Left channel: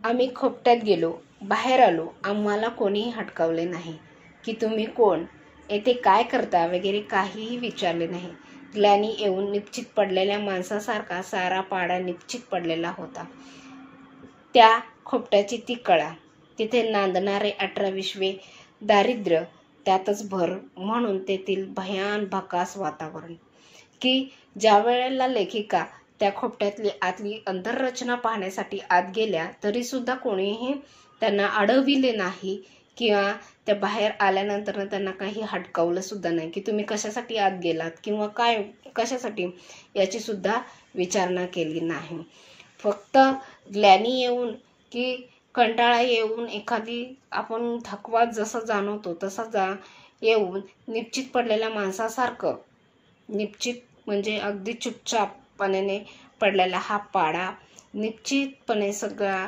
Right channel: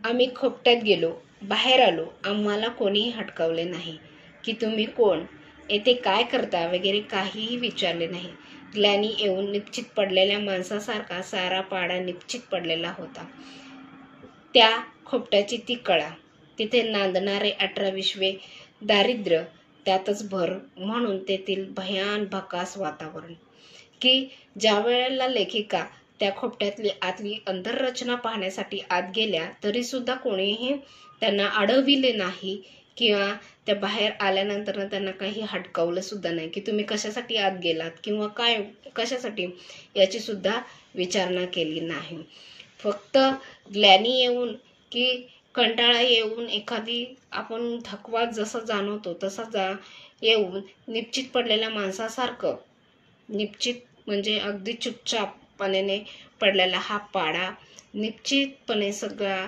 आम्ही खोपट्यात गेलो, बाहेर आलो, आम्हाला कोणीही हटकावले नाही की तुम्ही कोण, येथे काय करता वगैरे काहीही विचारले नाही. ग्लॅनी येऊन निश्चित पडलेल्या माणसासारखा सारा पाडा निश्चित पडलेला होता. त्या खोपट्याची ती कळा, तिथे नांदणारे 18-20 दारिद्र्य, त्यातच भर म्हणून तेथील भयान भकास वातावरण, की ज्या वेळेला लेखिका त्या खोपट्यातली आतली अंतररचना पाहण्यासाठी आत गेल्या तरी सुद्धा कोणीही त्यांना अडविले नाही किंवा त्या बाहेर आल्यानंतर त्यांना काही हटकावलं सुद्धा नाही की तुम्ही कशासाठी आत गेलात किंवा काय कशासाठी याची सुद्धा विचारणा केली नाही. फक्त ग्लॅनी येऊन की कंटाळा येऊन एखादी आपण थकवा जसं जाणवतो तसा येऊन निश्चित पडलेल्या माणसासारखं, निश्चित म्हणजे अगदी चुपचापपणे पडलेला हा पाडा, निश्चितपणे सगळा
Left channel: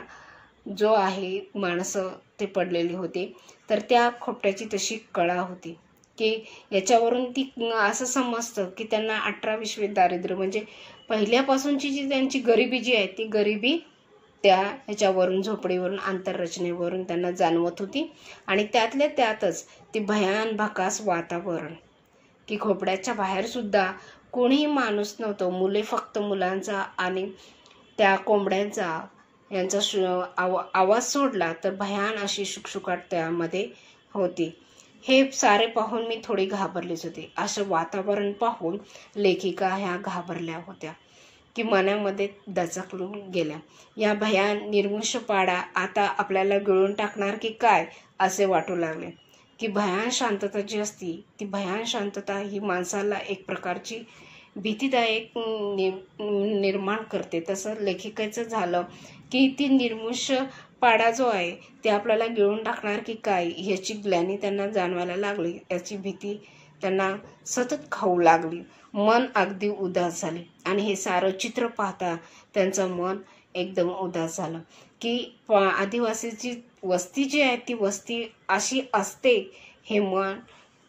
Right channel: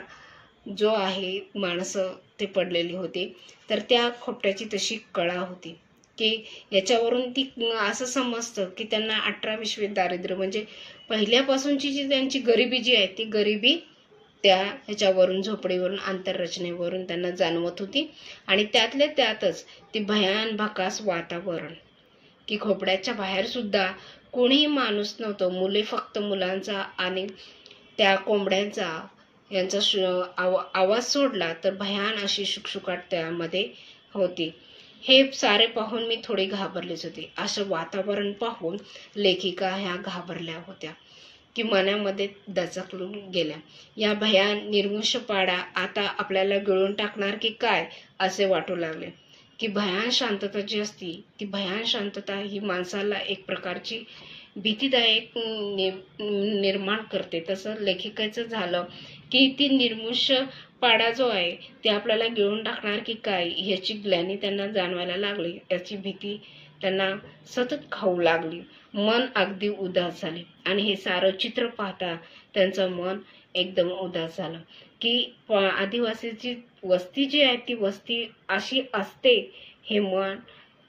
जो आहे माणसं ते पडलेली होती. तर त्या खोपट्याची तशी कळा होती की याच्यावरून ती असं समजतं की त्यांना 18-20 दारिद्र्य म्हणजे पहिल्यापासूनची जी त्यांची गरिबी जी आहे ती गरिबी त्या ह्याच्यावरून झोपडीवरून आंतररचनेवरून त्यांना जाणवत होती. आणि त्यातल्या त्यातच ती भयान भकास वातावरण की खोपड्याच्या बाहेर सुद्धा कोणीही माणूस नव्हतं. मुले फक्त मुलांचा आणि त्या कोंबड्यांचा यांचा आवाज सोडला तर भयान अशी शुकशुकाट त्यामध्ये होती. हे सारे पाहून मी थोडी घाबरलीच होती. असं वातावरण पाहून लेखिका ह्या घाबरल्या होत्या की मनामध्ये दचकलून गेल्या. या भयान निर्मुष पाडा आता आपल्याला गिळून टाकणार की काय असे वाटू लागले. की भयान शांतता जी असती ती भयान शांतता ही माणसाला एक प्रकारची भीतीदायक निर्माण करते. तसं लेखिकेचं झालं की ती निर्मुष पाडा जो आहे ते आपल्याला गिळून टाकणार की काय याची ग्लॅनी त्यांना जाणवायला लागली. याची भीती त्यांना सतत खाऊ लागली. मन अगदी उदास झाले आणि हे सारं चित्र पाहता त्यांचं मन एकदम उदास झालं की आदिवासीची वस्ती जी आहे ती वस्ती अशी असते हे मन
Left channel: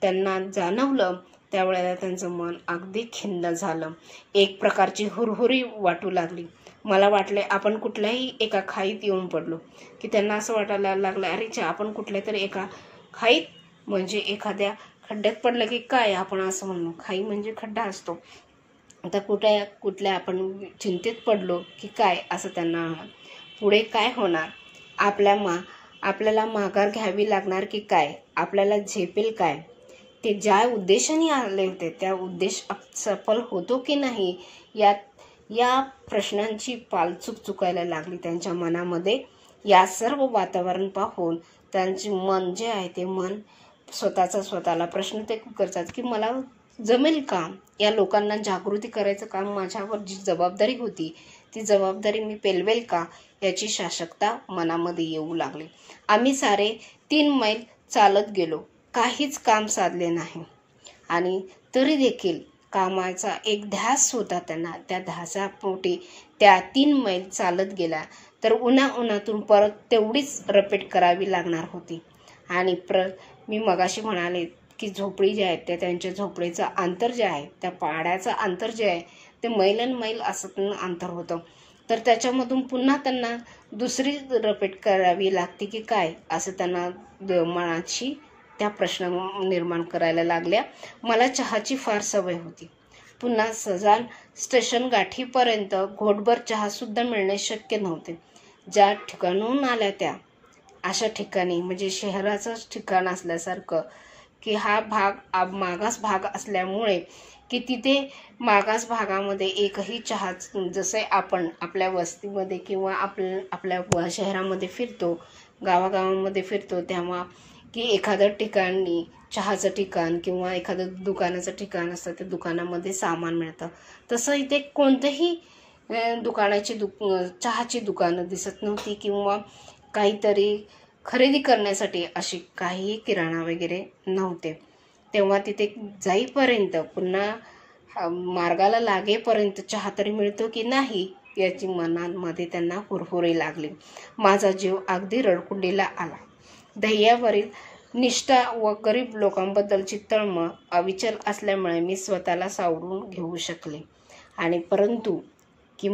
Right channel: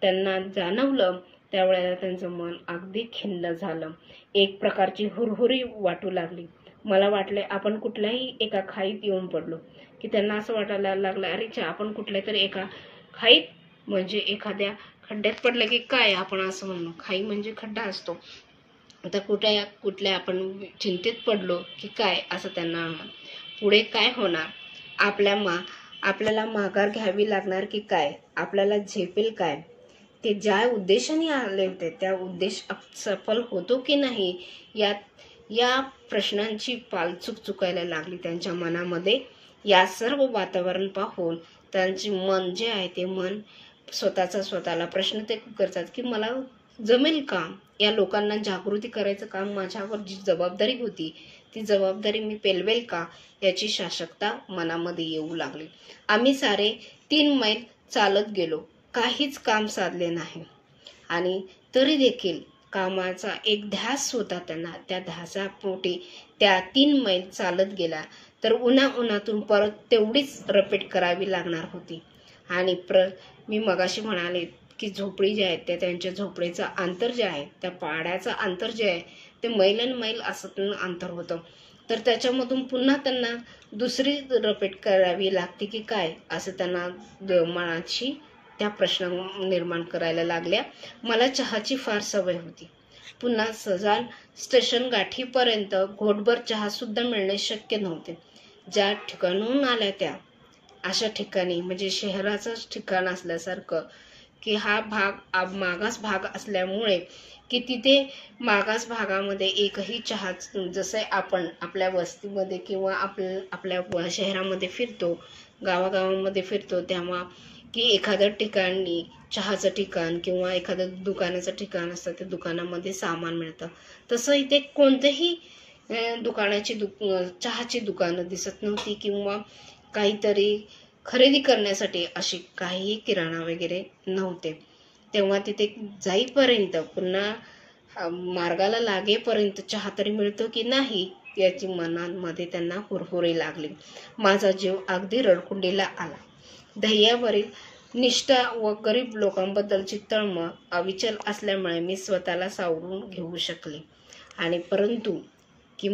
त्यांना जाणवलं. त्यावेळेला त्यांचं मन अगदी खिन्न झालं. एक प्रकारची हुरहुरी वाटू लागली. मला वाटले आपण कुठल्याही एका खाईत येऊन पडलो की त्यांना असं वाटायला लागलं अरे आपण कुठल्या तरी एका खाईत म्हणजे एखाद्या खड्ड्यात पडलं की काय आपण असं म्हणू, खाई म्हणजे खड्डा असतो. आता कुठल्या आपण चिंतेत पडलो की काय असं त्यांना. पुढे काय होणार, आपल्याला माघार घ्यावी लागणार की काय, आपल्याला झेपेल काय, ते ज्या उद्देशाने आले होते त्या उद्देश सफल होतो की नाही या प्रश्नांची पालचूक चुकायला लागली त्यांच्या मनामध्ये. या सर्व वातावरण पाहून त्यांचे मन जे आहे ते मन स्वतःला प्रश्न ते करतात की मला जमेल का, या लोकांना जागृती करायचं काम माझ्यावर जी जबाबदारी होती ती जबाबदारी मी पेलवेल का याची शाशकता मनामध्ये येऊ लागली. आम्ही सारे 3 मैल चालत गेलो, काहीच काम साधले नाही आणि तरी देखील कामाचा एक ध्यास होता त्यांना. त्या ध्यासापोटी त्या 3 मैल चालत गेल्या तर उन्हातून परत तेवढीच रिपीट करावी लागणार होती. आणि मी मगाशी म्हणाले की झोपडी जे आहे त्या त्यांच्या झोपडीचं अंतर जे आहे त्या पाड्याचं अंतर जे आहे ते मैल असं अंतर होतं. तर त्याच्यामधून पुन्हा त्यांना दुसरी रिपीट करावी लागते की काय असं त्यांना मनाची त्या प्रश्न निर्माण करायला लागल्या. मला चहाची फार सवय होती. पुन्हा सजान स्टेशन गाठीपर्यंत घोटभर चहा सुद्धा मिळणे शक्य नव्हते. ज्या ठिकाणून आल्या त्या अशा ठिकाणी म्हणजे शहराचंच ठिकाण असल्यासारखं की हा भाग मागास भाग असल्यामुळे की तिथे मागास भागामध्ये एकही चहा, जसे आपण आपल्या वस्तीमध्ये किंवा आपल्या शहरामध्ये फिरतो, गावागावांमध्ये फिरतो तेव्हा की एखाद्या ठिकाणी चहाचं ठिकाण किंवा एखादं दुकानाचं ठिकाण असतं, त्या दुकानामध्ये सामान मिळतं. तसं इथे कोणत्याही चहाची दुकानं दिसत नव्हती किंवा काहीतरी खरेदी करण्यासाठी अशी काही किराणा वगैरे नव्हते. तेव्हा तिथे जाईपर्यंत पुन्हा मार्गाला लागेपर्यंत चहा तरी मिळतो की नाही याची मनामध्ये त्यांना हुरहुरी लागली. माझा जीव अगदी रडकुंडीला आला. ध्येयावरील निष्ठा व गरीब लोकांबद्दलची तळमळ अविचल असल्यामुळे मी स्वतःला सावरून घेऊ शकले. आणि परंतु की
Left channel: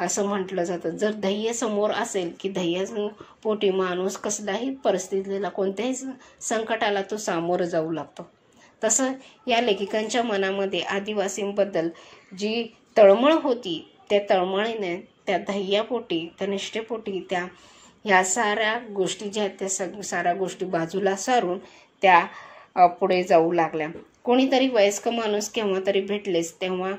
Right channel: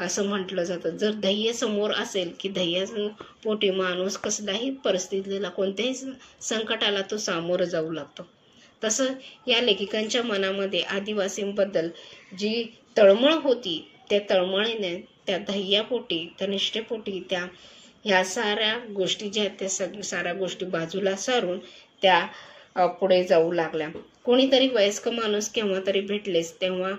असं म्हटलं जातं. जर ध्येय समोर असेल की ध्येयापोटी माणूस कसल्याही परिस्थितीला, कोणत्याही संकटाला तो सामोरं जाऊ लागतो. तसं या लेखिकांच्या मनामध्ये आदिवासींबद्दल जी तळमळ होती, त्या तळमळीने, त्या ध्येयापोटी, त्या निष्ठेपोटी त्या ह्या साऱ्या गोष्टी ज्या आहेत त्या साऱ्या गोष्टी बाजूला सारून त्या पुढे जाऊ लागल्या. कोणीतरी वयस्क माणूस केव्हा तरी भेटलेच तेव्हा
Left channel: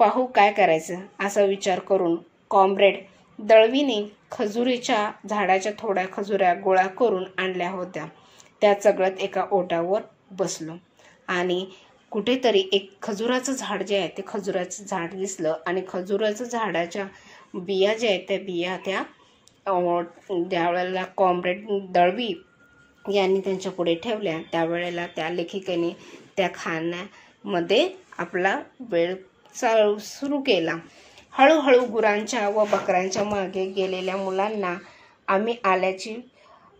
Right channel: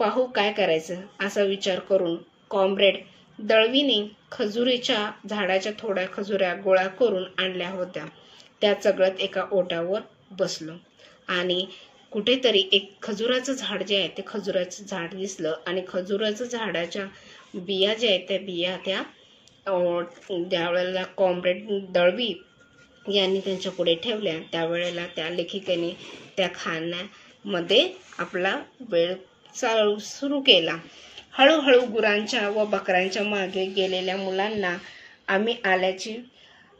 पाहू काय करायचं असा विचार करून कॉम्रेड दळवीने खजुरीच्या झाडाच्या थोड्या खजुऱ्या गोळा करून आणल्या होत्या. त्या चगळत एका ओट्यावर बसलो आणि कुठेतरी एक खजुराचं झाड जे आहे ते खजुराचं झाड दिसलं आणि खजुराचं झाडाच्या बिया ज्या आहेत त्या बिया त्यावेळेला कॉम्रेड दळवी यांनी त्यांच्या पुढे ठेवल्या. त्यावेळेला त्या लेखिकेने त्या खाण्यामध्ये आपला वेळ सुरू केला. हळूहळू गुरांच्या व बकऱ्यांच्या मागे गेलेल्या मुलांना आम्ही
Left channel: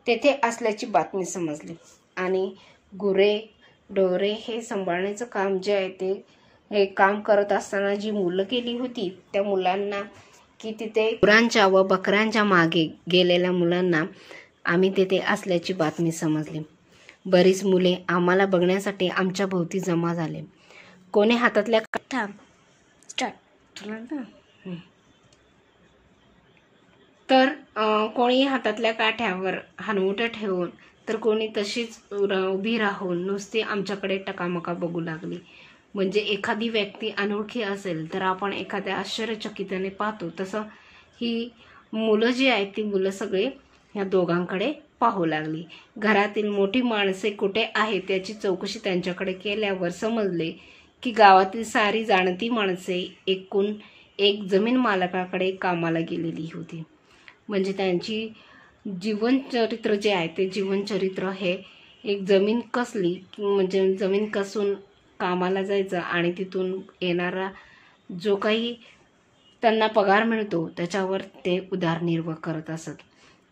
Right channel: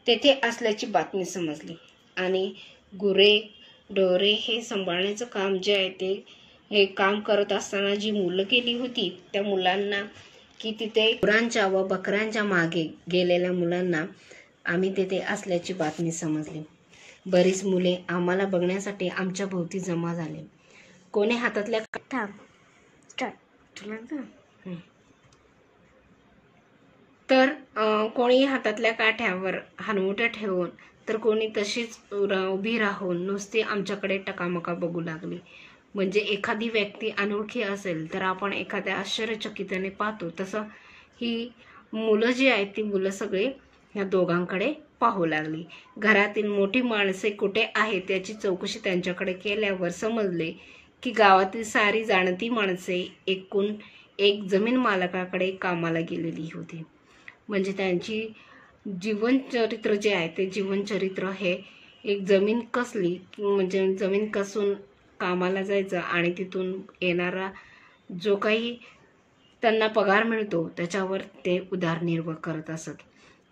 तेथे असल्याची बातमी समजली आणि गुरे ढोरे हे सांभाळण्याचं काम जे आहे हे काम करत असताना जी मुलं गेली होती त्या मुलांना की तिथे गुरांच्या व बकऱ्यांच्या मागे गेलेल्या मुलांना आम्ही तेथे असल्याची बातमी समजली. बरीच मुले आम्हाला बघण्यासाठी आमच्या भोवती जमा झाले. कोणी हातातल्या कोणी हातातल्या काठ्यावर हनवट्या ठेवून तर कोणी तशीच उभी राहून नुसती आमच्याकडे टकामका बघू लागली. म्हणजे एखादी व्यक्ती अनोळखी असेल तर आपण एखाद्या आश्चर्यचकिताने पाहतो तसं ही मुलं जी आहेत ती मुलं सगळे ह्या दोघांकडे पाहू लागली. घरातील मोठी माणसे कुठे आहेत याची चौकशी त्यांच्याकडे केल्यावर समजले की गावातील सारी जाणती माणसे एकूण एक जमीन मालकाकडे कामाला गेलेली होती. म्हणजे त्यांची जीवनचरित्र जे आहे ते जीवनचरित्र हे एक जमीन कसली म्हणजे जमीन कसून कामाला जायचं आणि तिथून येणारा जो काही त्यांना पगार मिळतो त्याच्यावर ते उदरनिर्वाह करत असत.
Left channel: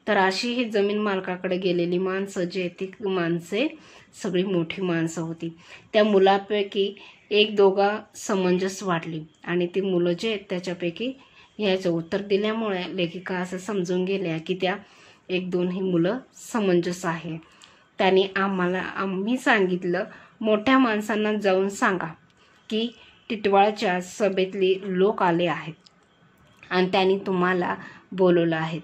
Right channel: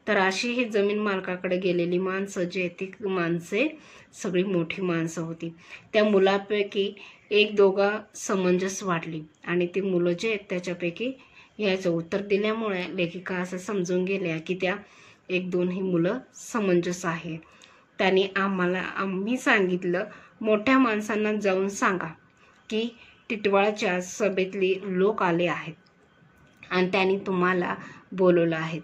तर अशी ही जमीन मालकाकडे गेलेली माणसं जे ती माणसे सगळी मोठी माणसं होती. त्या मुलापैकी एक दोघा समंजस वाटली आणि ती मुलं जे आहेत त्याच्यापैकी याचं उत्तर दिल्यामुळे लेखिका असं समजून गेल्या की त्या एक दोन ही मुलं समंजस आहे. त्यांनी आम्ही सांगितलं, मोठ्या माणसांना जाऊन सांगा की टिटवाळच्या सभेतली लोक आले आहेत आणि त्यांनी तुम्हाला बोलवलं आहे.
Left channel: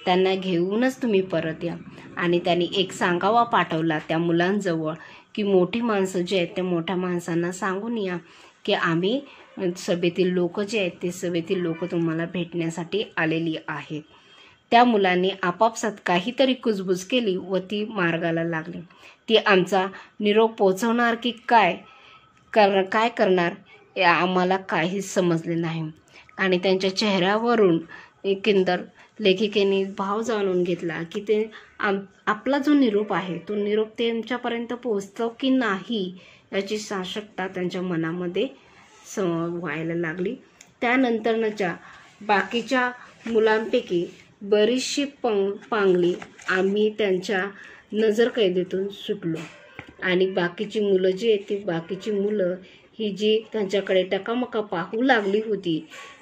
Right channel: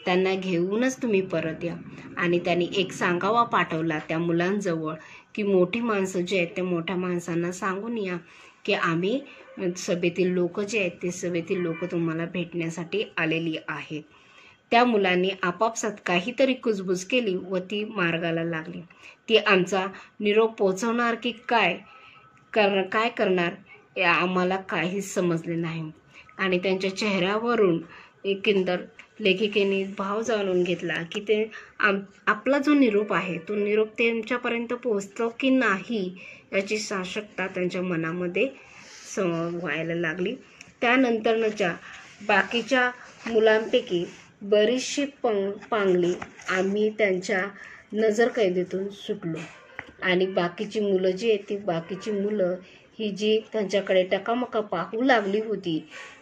त्यांना घेऊनच तुम्ही परत या. आणि त्यांनी एक सांगावा पाठवला त्या मुलांजवळ की मोठी माणसं जे आहेत त्या मोठ्या माणसांना सांगून या की आम्ही सभेतील लोक जे आहेत ते सभेतील लोक तुम्हाला भेटण्यासाठी आलेली आहेत. त्या मुलांनी आपापसात काहीतरी कुजबुज केली व ती मार्गाला लागली. ती आमचा निरोप पोचवणार की काय करणार आम्हाला काहीच समजले नाही. आणि त्यांच्या चेहऱ्यावरून एकंदर लेखिकेने भाव जाणून घेतला की ते आपला जो निरोप आहे तो निरोप त्यांच्यापर्यंत पोहोचतो की नाही याची साशंकता त्यांच्या मनामध्ये व्हायला लागली. त्यानंतरच्या बाकीच्या मुलांपैकी बरीचशी पांगली आम्ही त्यांच्या नजरकैदेतून सुटलो आणि बाकीची मुलं जी आहेत ती बाकीची मुलं ही जी त्यांच्याकडे टकामका पाहू लागली होती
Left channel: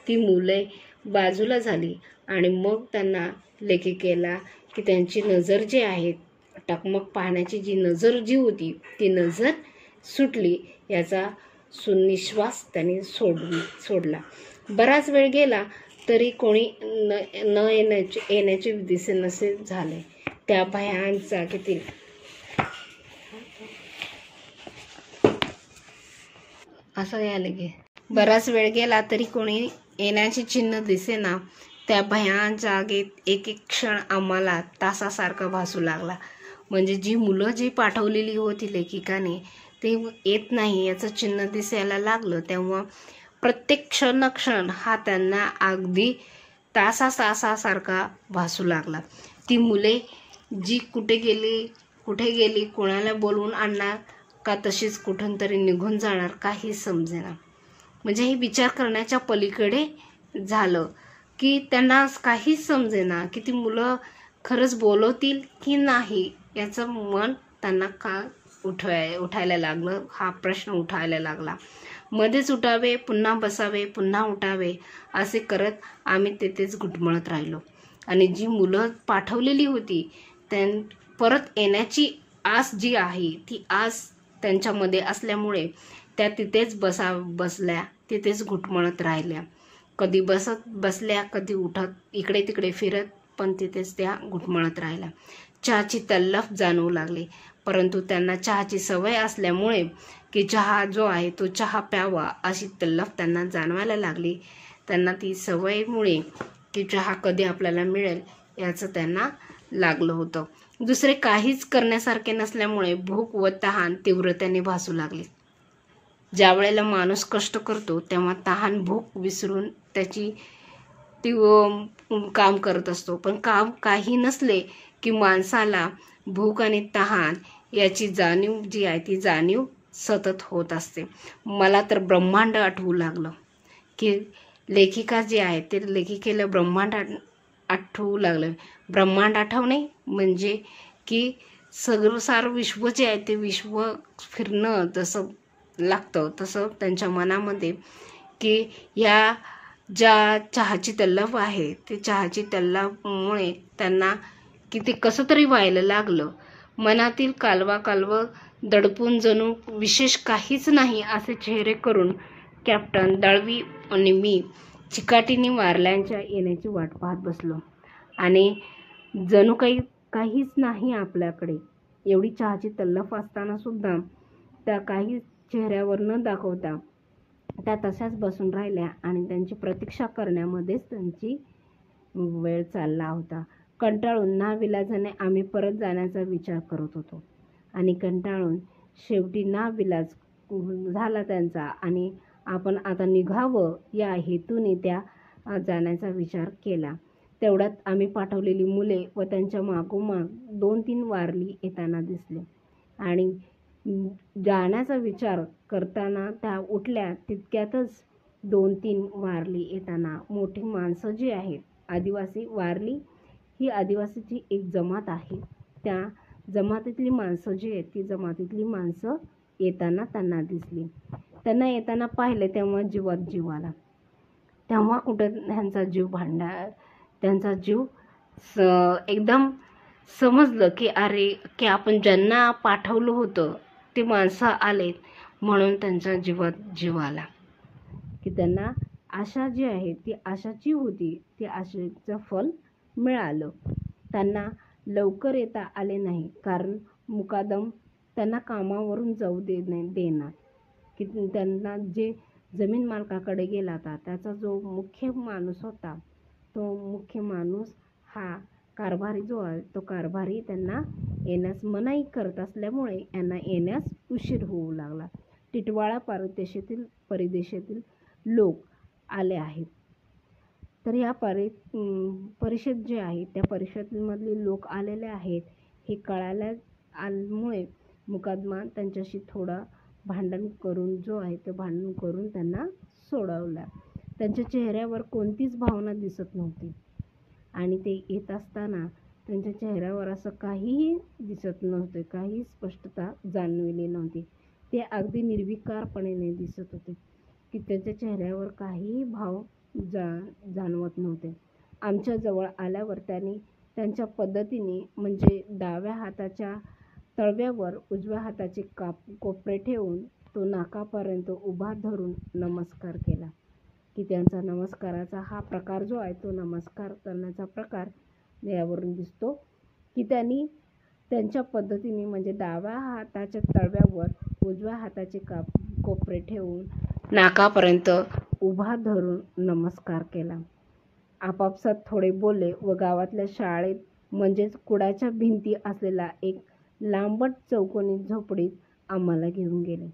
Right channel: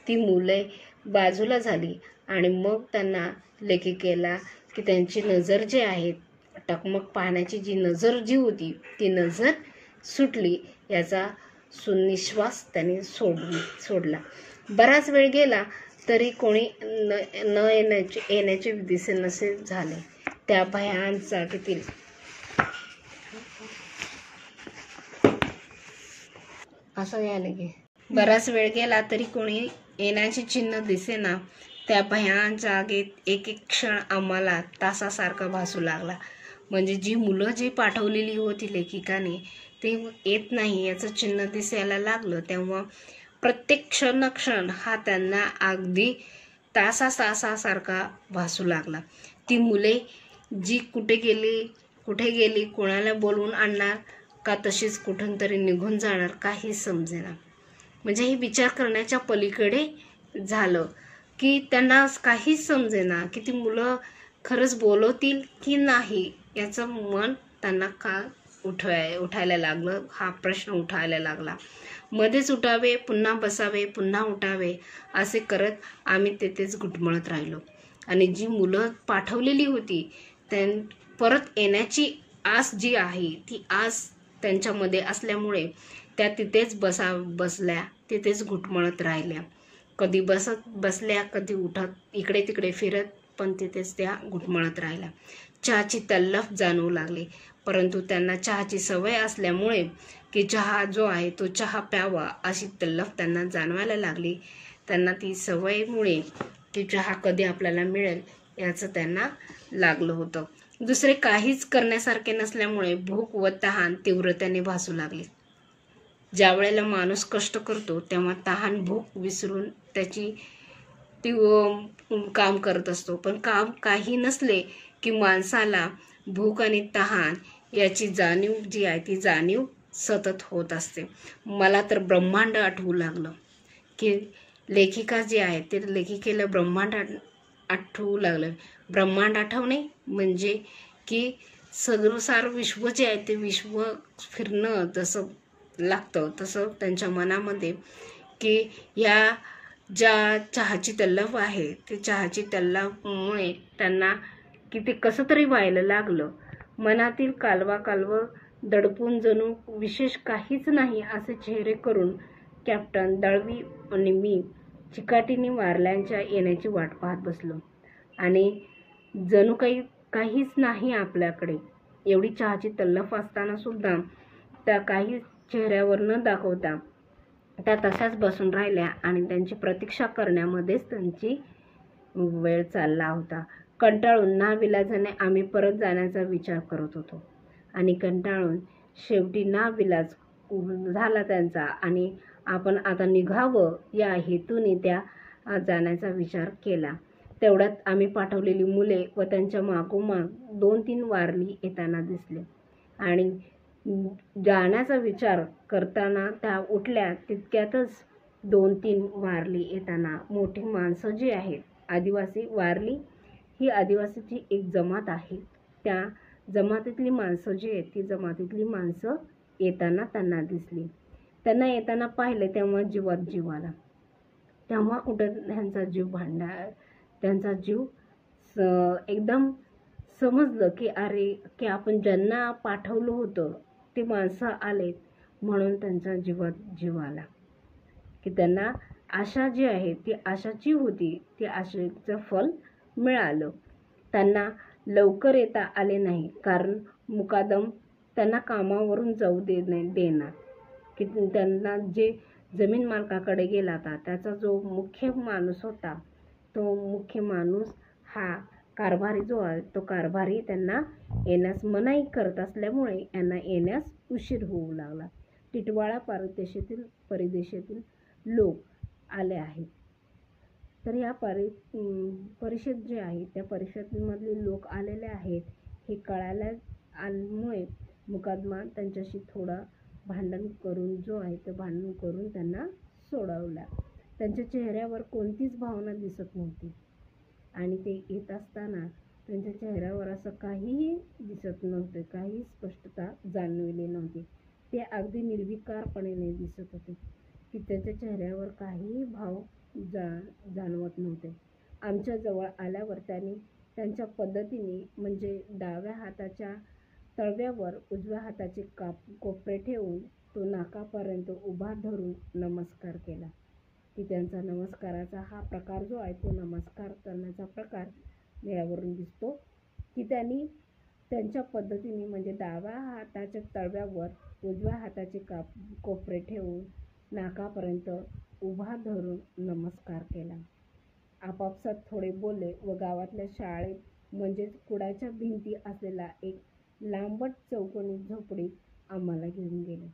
ती मुले बाजूला झाली आणि मग त्यांना लेखिकेला की त्यांची नजर जी आहे टकमक पाहण्याची जी नजर जी होती ती नजर सुटली याचा सुनिश्वास त्यांनी सोडला. बराच वेळ गेला तरी कोणी न येण्याचे दिसे नसे झाले. त्या भयान जागेतील असं यायला गे बराच वेळ गेला तरी कोणी येण्याचे चिन्ह दिसेना. त्या भयान जागेत एक एक क्षण आम्हाला तासासारखा भासू लागला. म्हणजे जी मुलं जी पाठवलेली होती लेखिकाने ते येत नाही याचं चिन्ह दिसायला लागलं तेव्हा प्रत्येक क्षण हा त्यांना अगदी तासासारखा भासू लागला. ती मुले जी कुठे गेली कोणाला बोलवून आणणार का तशीच कुठून तरी निघून जाणार काही समजेना. म्हणजे हे विचार करण्याच्या पलीकडे झालं की त्यांना काहीच समजेना की ती मुलं खरंच बोलवतील की नाही याचं मन त्यांना का उठायला लागलं, हा प्रश्न उठायला लागला. मध्येच उठावे, पुन्हा बसावे, पुन्हा उठावे असे करत आम्ही तेथेच घुटमळत राहिलो. आणि जी मुलं पाठवलेली होती परत येण्याची आस जी आहे ती आस त्यांच्यामध्ये असल्यामुळे त्या तिथेच बसल्या, तिथेच घुटमळत राहिल्या. कधी बसल्या, कधी उठत इकडे तिकडे फिरत, पण तिथेच त्या घुटमळत राहिल्या. चहाची तल्लफ जाणवू लागली, परंतु त्यांना चहाची सवय असल्यामुळे की चहा जो आहे तो चहा प्यावा अशी तल्लफ त्यांना जाणवायला लागली. त्यांना ती सवयीमुळे की चहा कधी आपल्याला मिळेल याचं त्यांना लागलं होतं. दुसरे काहीच करण्यासारखे नसल्यामुळे भूक व तहान तीव्रतेने भासू लागली. ज्या वेळेला माणूस कष्ट करतो तेव्हा तहान भूक विसरून त्याची काम करत असतो, पण काम काही नसले की माणसाला भूक आणि तहान याची जाणीव जी आहे ती जाणीव सतत होत असते. मला तर ब्रह्मांड आठवू लागलं की लेखिका जी आहे ते लेखिकेला ब्रह्मांड आठवू लागलं. ब्रह्मांड आठवणे म्हणजे की सगळं विश्व जे आहे ते विश्व फिरणं जसं लागतं तसं त्यांच्या मनामध्ये की या ज्या चहाची तल्लफ आहे ते चहाची तल्लफमुळे त्यांना की ते कसं तरी व्हायला लागलं. मनातील कालवा दडपून जणू विशेष काहीच नाही असे चेहरे करून कॅप्टन दळवी आणि मी चिकाटीने वारल्यांच्या येण्याची वाट पाहत बसलो. आणि जणू काहीच नाही आपल्याकडे. एवढी चहाची तल्लफ असताना सुद्धा त्या काही चेहऱ्यावर न दाखवता त्या तशाच बसून राहिल्या आणि त्यांची प्रतीक्षा करण्यामध्येच त्यांची वेळ चालला होता. कंटाळून नाविलाजाने आम्ही परत जाण्याचा विचार करत होतो आणि कंटाळून शेवटी नाविलाज झाला त्यांचा आणि आपण आता निघावं या हेतूने त्या जाण्याचा विचार केला. तेवढ्यात आम्ही पाठवलेली मुले व त्यांच्या मागोमाग 2-3 वारली येताना दिसले आणि जाण्याचा विचार करताना त्या उठल्या. तितक्यातच 2-3 वारली येताना मोठी माणसं जी आहेत आदिवासी, वारली ही आदिवासीची एक जमात आहे, त्या जमातीतली माणसं जी आहेत ती जमातीतली माणसं येताना त्यांना दिसली. त्यांना येताना पाहिले तेव्हा जीवात जीव आला. तेव्हा कुठं त्यांचा जीव एकदम समजलं की अरे की आपण ज्यांना पाठवलं होतं ते माणसं आलेत म्हणून त्यांच्या जीवात जीव आला. की त्यांना आशा जी आहे ती आशाची होती, ती आशेचं फल मिळालं. त्यांना लवकर येता आले नाही कारण मुकादम त्यांना कामावरून जाऊ देणार की त्यांना जे जमीन मालकाकडे गेला होता त्याचा जो मुख्य माणूस होता तो मुख्य माणूस हा कारभारी जो आहे तो कारभारी त्यांना येण्यास मनाई करत असल्यामुळे यांना येण्यास उशीर होऊ लागला. टिटवाळा परिदेशातील लोक आले आहेत. तर या परिषद जे आहे त्या परिषदेमधले लोक आलेले आहेत हे कळाल्यामुळे मुकादमा त्यांच्याशी थोडा भांडण करून जो आहे तो भांडण करून त्यांना सोडवला. त्यांच्या चेहऱ्यावर कोणतीच भावना दिसत नव्हती आणि ते येत असताना त्यांच्या चेहऱ्यावर असं काहीही दिसत नव्हते, काही स्पष्टता जाणवली नव्हती. ते अगदी निर्विकारपणे दिसत होते की त्यांच्या चेहऱ्यावर काहीही भाव जाणवत नव्हते. आमच्या जवळ आल्यावर त्यांनी त्यांच्या पद्धतीने म्हणजे डाव्या हाताच्या तळव्यावर उजव्या हाताचे कोपरे ठेवून तो नाकापर्यंत उभा धरून नमस्कार केला. की त्यांचा नमस्काराचा हा प्रकार जो आहे तो नमस्कार करण्याचा प्रकार यावरून दिसतो की त्यांनी त्यांच्या पद्धतीने म्हणजे डाव्या हाताच्या तळव्यावर उजव्या हाताचे कोपरे ठेवून नाकापर्यंत उभा धरून नमस्कार केला. आपापसात थोडे बोलले व गावातल्या शाळेत म्हणजेच कुडाच्या भिंती असलेला एक लांबट चौकोनी झोपडीत आम्हाला घेऊन गेले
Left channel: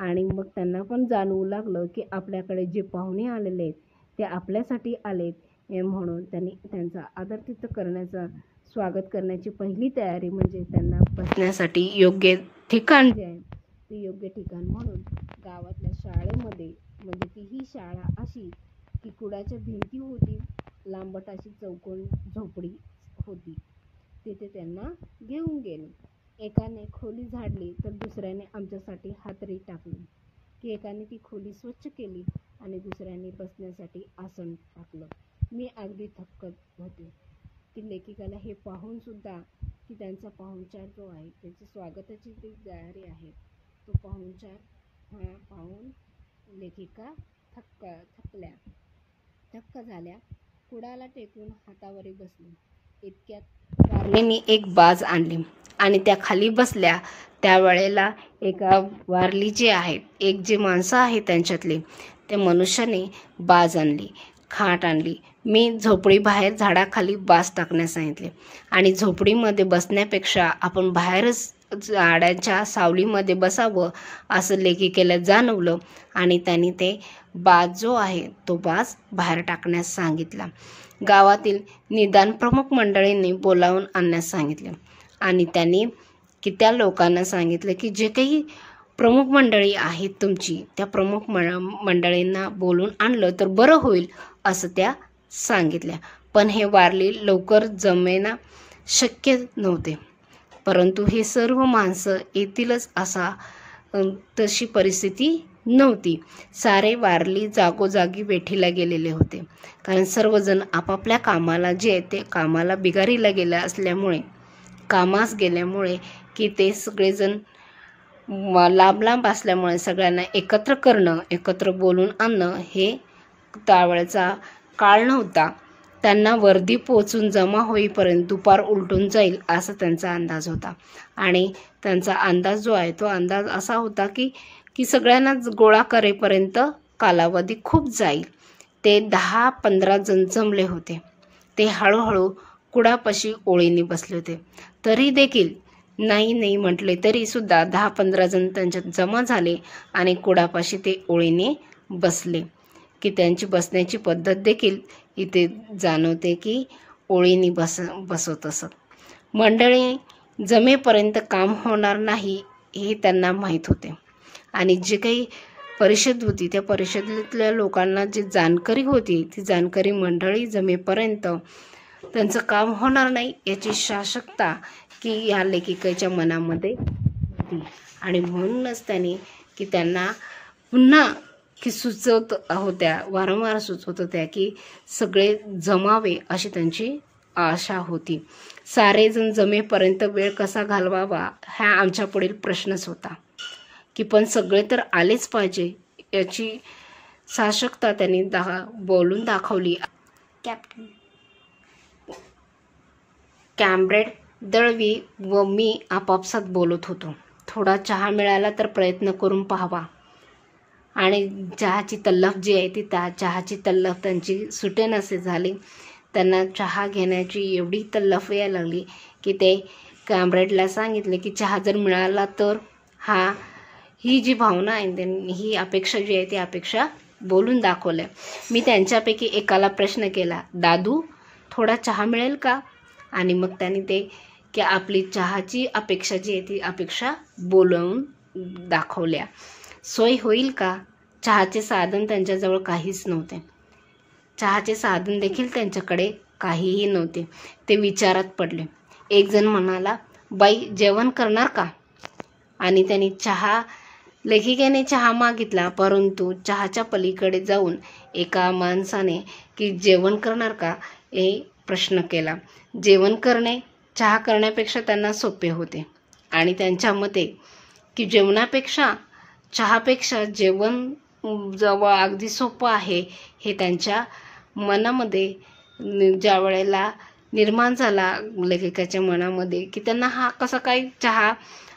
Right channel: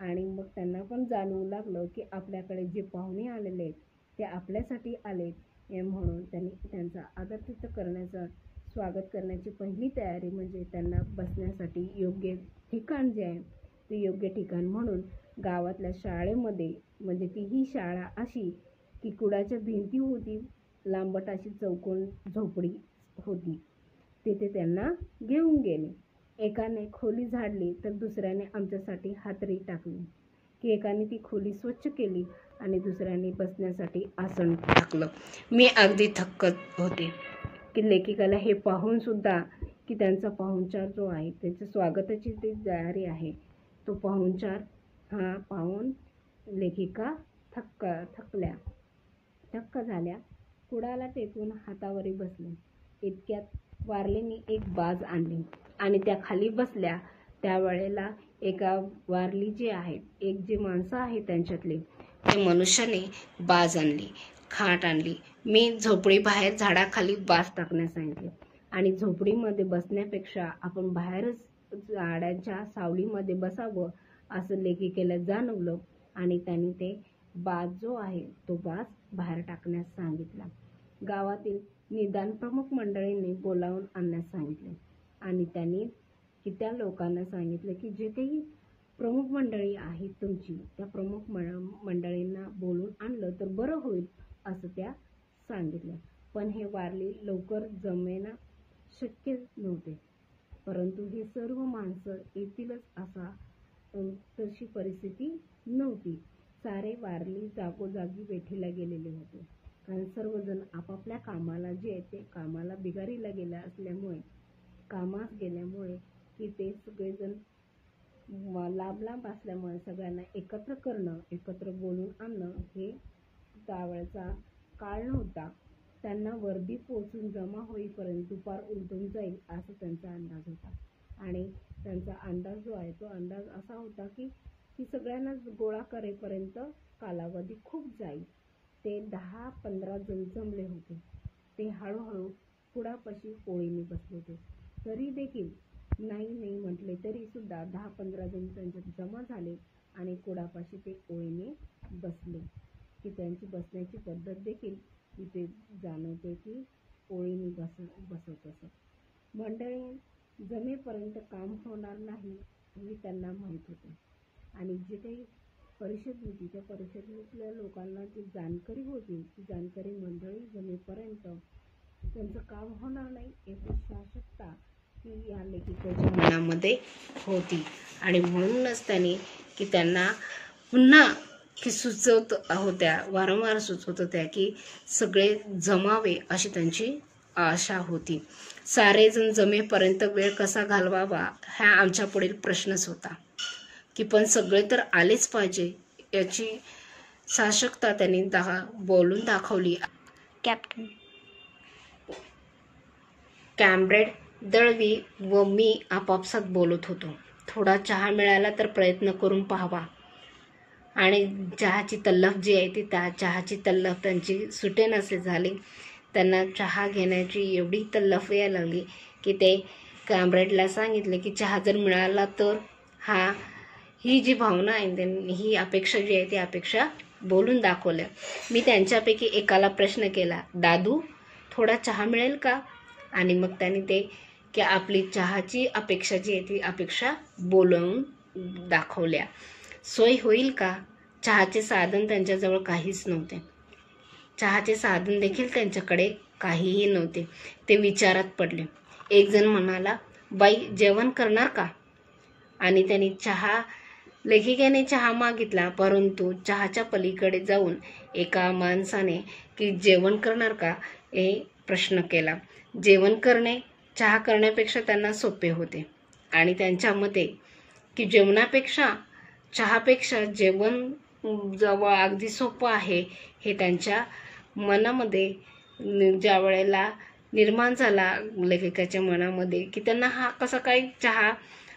आणि मग त्यांना पण जाणवू लागलं की आपल्याकडे जे पाहुणे आलेले आहेत ते आपल्यासाठी आलेत म्हणून त्यांनी त्यांचा आदरातिथ्य करण्याचा स्वागत करण्याची पहिली तयारी म्हणजे त्यांना बसण्यासाठी योग्य ठिकाण जे आहे ते योग्य ठिकाण म्हणून गावातल्या शाळेमध्ये म्हणजे ती ही शाळा अशी की कुडाच्या भिंती होती, लांबट अशी चौकोन झोपडी होती, तिथे त्यांना घेऊन गेले. एकाने खोली झाडली तर दुसऱ्याने आमच्यासाठी हातरी टाकली. की एकाने ती खोली स्वच्छ केली आणि दुसऱ्याने बसण्यासाठी आसन टाकलं. मी अगदी थक्क होते की लेखिकाला हे पाहून सुद्धा की त्यांचा पाहुणचार जो आहे, त्यांच्या स्वागताची जी तयारी आहे, तो पाहुणचार हा पाहून लेखिका थक्क झाल्या. कुडाला टेकून हातावरी बसली. इतक्यात वारलीने एक बाज आणली आणि त्या खाली बसल्या. त्यावेळेला एका वारली जे आहेत, एक जे माणसं आहेत त्यांच्यातले, त्या मनुष्याने बाज आणली, खाट आणली. मी झोपडी बाहेर झाडाखाली बाज टाकण्यास सांगितले आणि झोपडीमध्ये बसण्यापेक्षा आपण बाहेरच झाडाच्या सावलीमध्ये बसावं असं लेखिकेला जाणवलं आणि त्यांनी ते बाज जो आहे तो बाज बाहेर टाकण्यास सांगितला. गावातील निदान प्रमुख मंडळींनी बोलावून आणण्यास सांगितले आणि त्यांनी की त्या लोकांना सांगितलं की जे काही प्रमुख मंडळी आहेत तुमची, त्या प्रमुख मंडळींना बोलून आणलं तर बरं होईल असं त्या सांगितल्या. पण हे वारली लवकर जमेना शक्य नव्हते. परंतु हे सर्व माणसं येतीलच असा तशी परिस्थिती नव्हती. सारे वारली जागोजागी वेठीला गेलेले होते, कारण सर्वजण आपापल्या कामाला जे आहे ते कामाला बिगारीला गेल्या असल्यामुळे, कामास गेल्यामुळे की ते सगळेजण लांब लांब असल्यामुळे सगळ्यांना एकत्र करणं, एकत्र बोलून आणणं हे त्यावेळेचा काळ नव्हता. त्यांना वर्दी पोचून जमा होईपर्यंत दुपार उलटून जाईल असा त्यांचा अंदाज होता आणि त्यांचा अंदाज जो आहे तो अंदाज असा होता की सगळ्यांनाच गोळा करेपर्यंत कालावधी खूप जाईल. ते 10-15 जण जमले होते. ते हळूहळू कुडापाशी ओळीने बसले होते. तरी देखील नाही म्हटले तरी सुद्धा 10-15 जण त्यांच्यात जमा झाले आणि कुडापाशी ते ओळीने बसले की त्यांची बसण्याची पद्धत देखील इथे जाणवते की ओळीने बसवत असत. मंडळी जमेपर्यंत काम होणार नाही हे त्यांना माहीत होते आणि जे काही परिषद होती त्या परिषदेतल्या लोकांना जी जाणकारी होती ती जाणकारी मंडळी जमेपर्यंत त्यांचं काम होणार नाही याची शासकता की या लेखिकेच्या मनामध्ये होती आणि म्हणूनच त्यांनी की त्यांना पुन्हा की सुचवत होत्या, वारंवार सुचवत होत्या की सगळे जमावे अशी त्यांची आशा होती. सारेजण जमेपर्यंत वेळ कसा घालवावा हा आमच्या पुढील प्रश्नच होता की पण सगळे तर आलेच पाहिजे याची शासकता त्यांनी बोलून दाखवली. कॅम्रेड दळवी व मी आपापसात बोलत होतो. थोडा चहा मिळाला तर प्रयत्न करून पाहावा आणि चहाची तल्लफ जी आहे ती त्या चहाची तल्लफ त्यांची सुटेनसे झाली. त्यांना चहा घेण्याची एवढी तल्लफ यायला लागली की ते कॅम्रेडला सांगितले की चहा जर मिळाला तर ही जी भावना आहे ही अपेक्षा जी आहे ती अपेक्षा बोलून दाखवलं. मी त्यांच्यापैकी एकाला प्रश्न केला, दादू थोडा चहा मिळेल का? आणि मग त्यांनी ते की आपली चहाची अपेक्षा जी आहे ती अपेक्षा बोलवून दाखवल्या. सोय होईल का? चहाचे साधन त्यांच्याजवळ काहीच नव्हते. चहाचे साधन देखील त्यांच्याकडे काहीही नव्हते. ते विचारात पडले. एक जण म्हणाला, बाई जेवण करणार का? आणि त्यांनी लेखिकेने चहा मागितला, परंतु चहाच्या पलीकडे जाऊन एका माणसाने की जेवण करणार का हे प्रश्न केला. जेवण करणे चहा करण्यापेक्षा त्यांना सोपे होते आणि त्यांच्या मते की जेवणापेक्षा चहापेक्षा जेवण जवळ अगदी सोपं आहे हे त्यांच्या मनामध्ये ज्या वेळेला निर्माण झाला लेखकाच्या मनामध्ये की त्यांना हा कसा काय चहा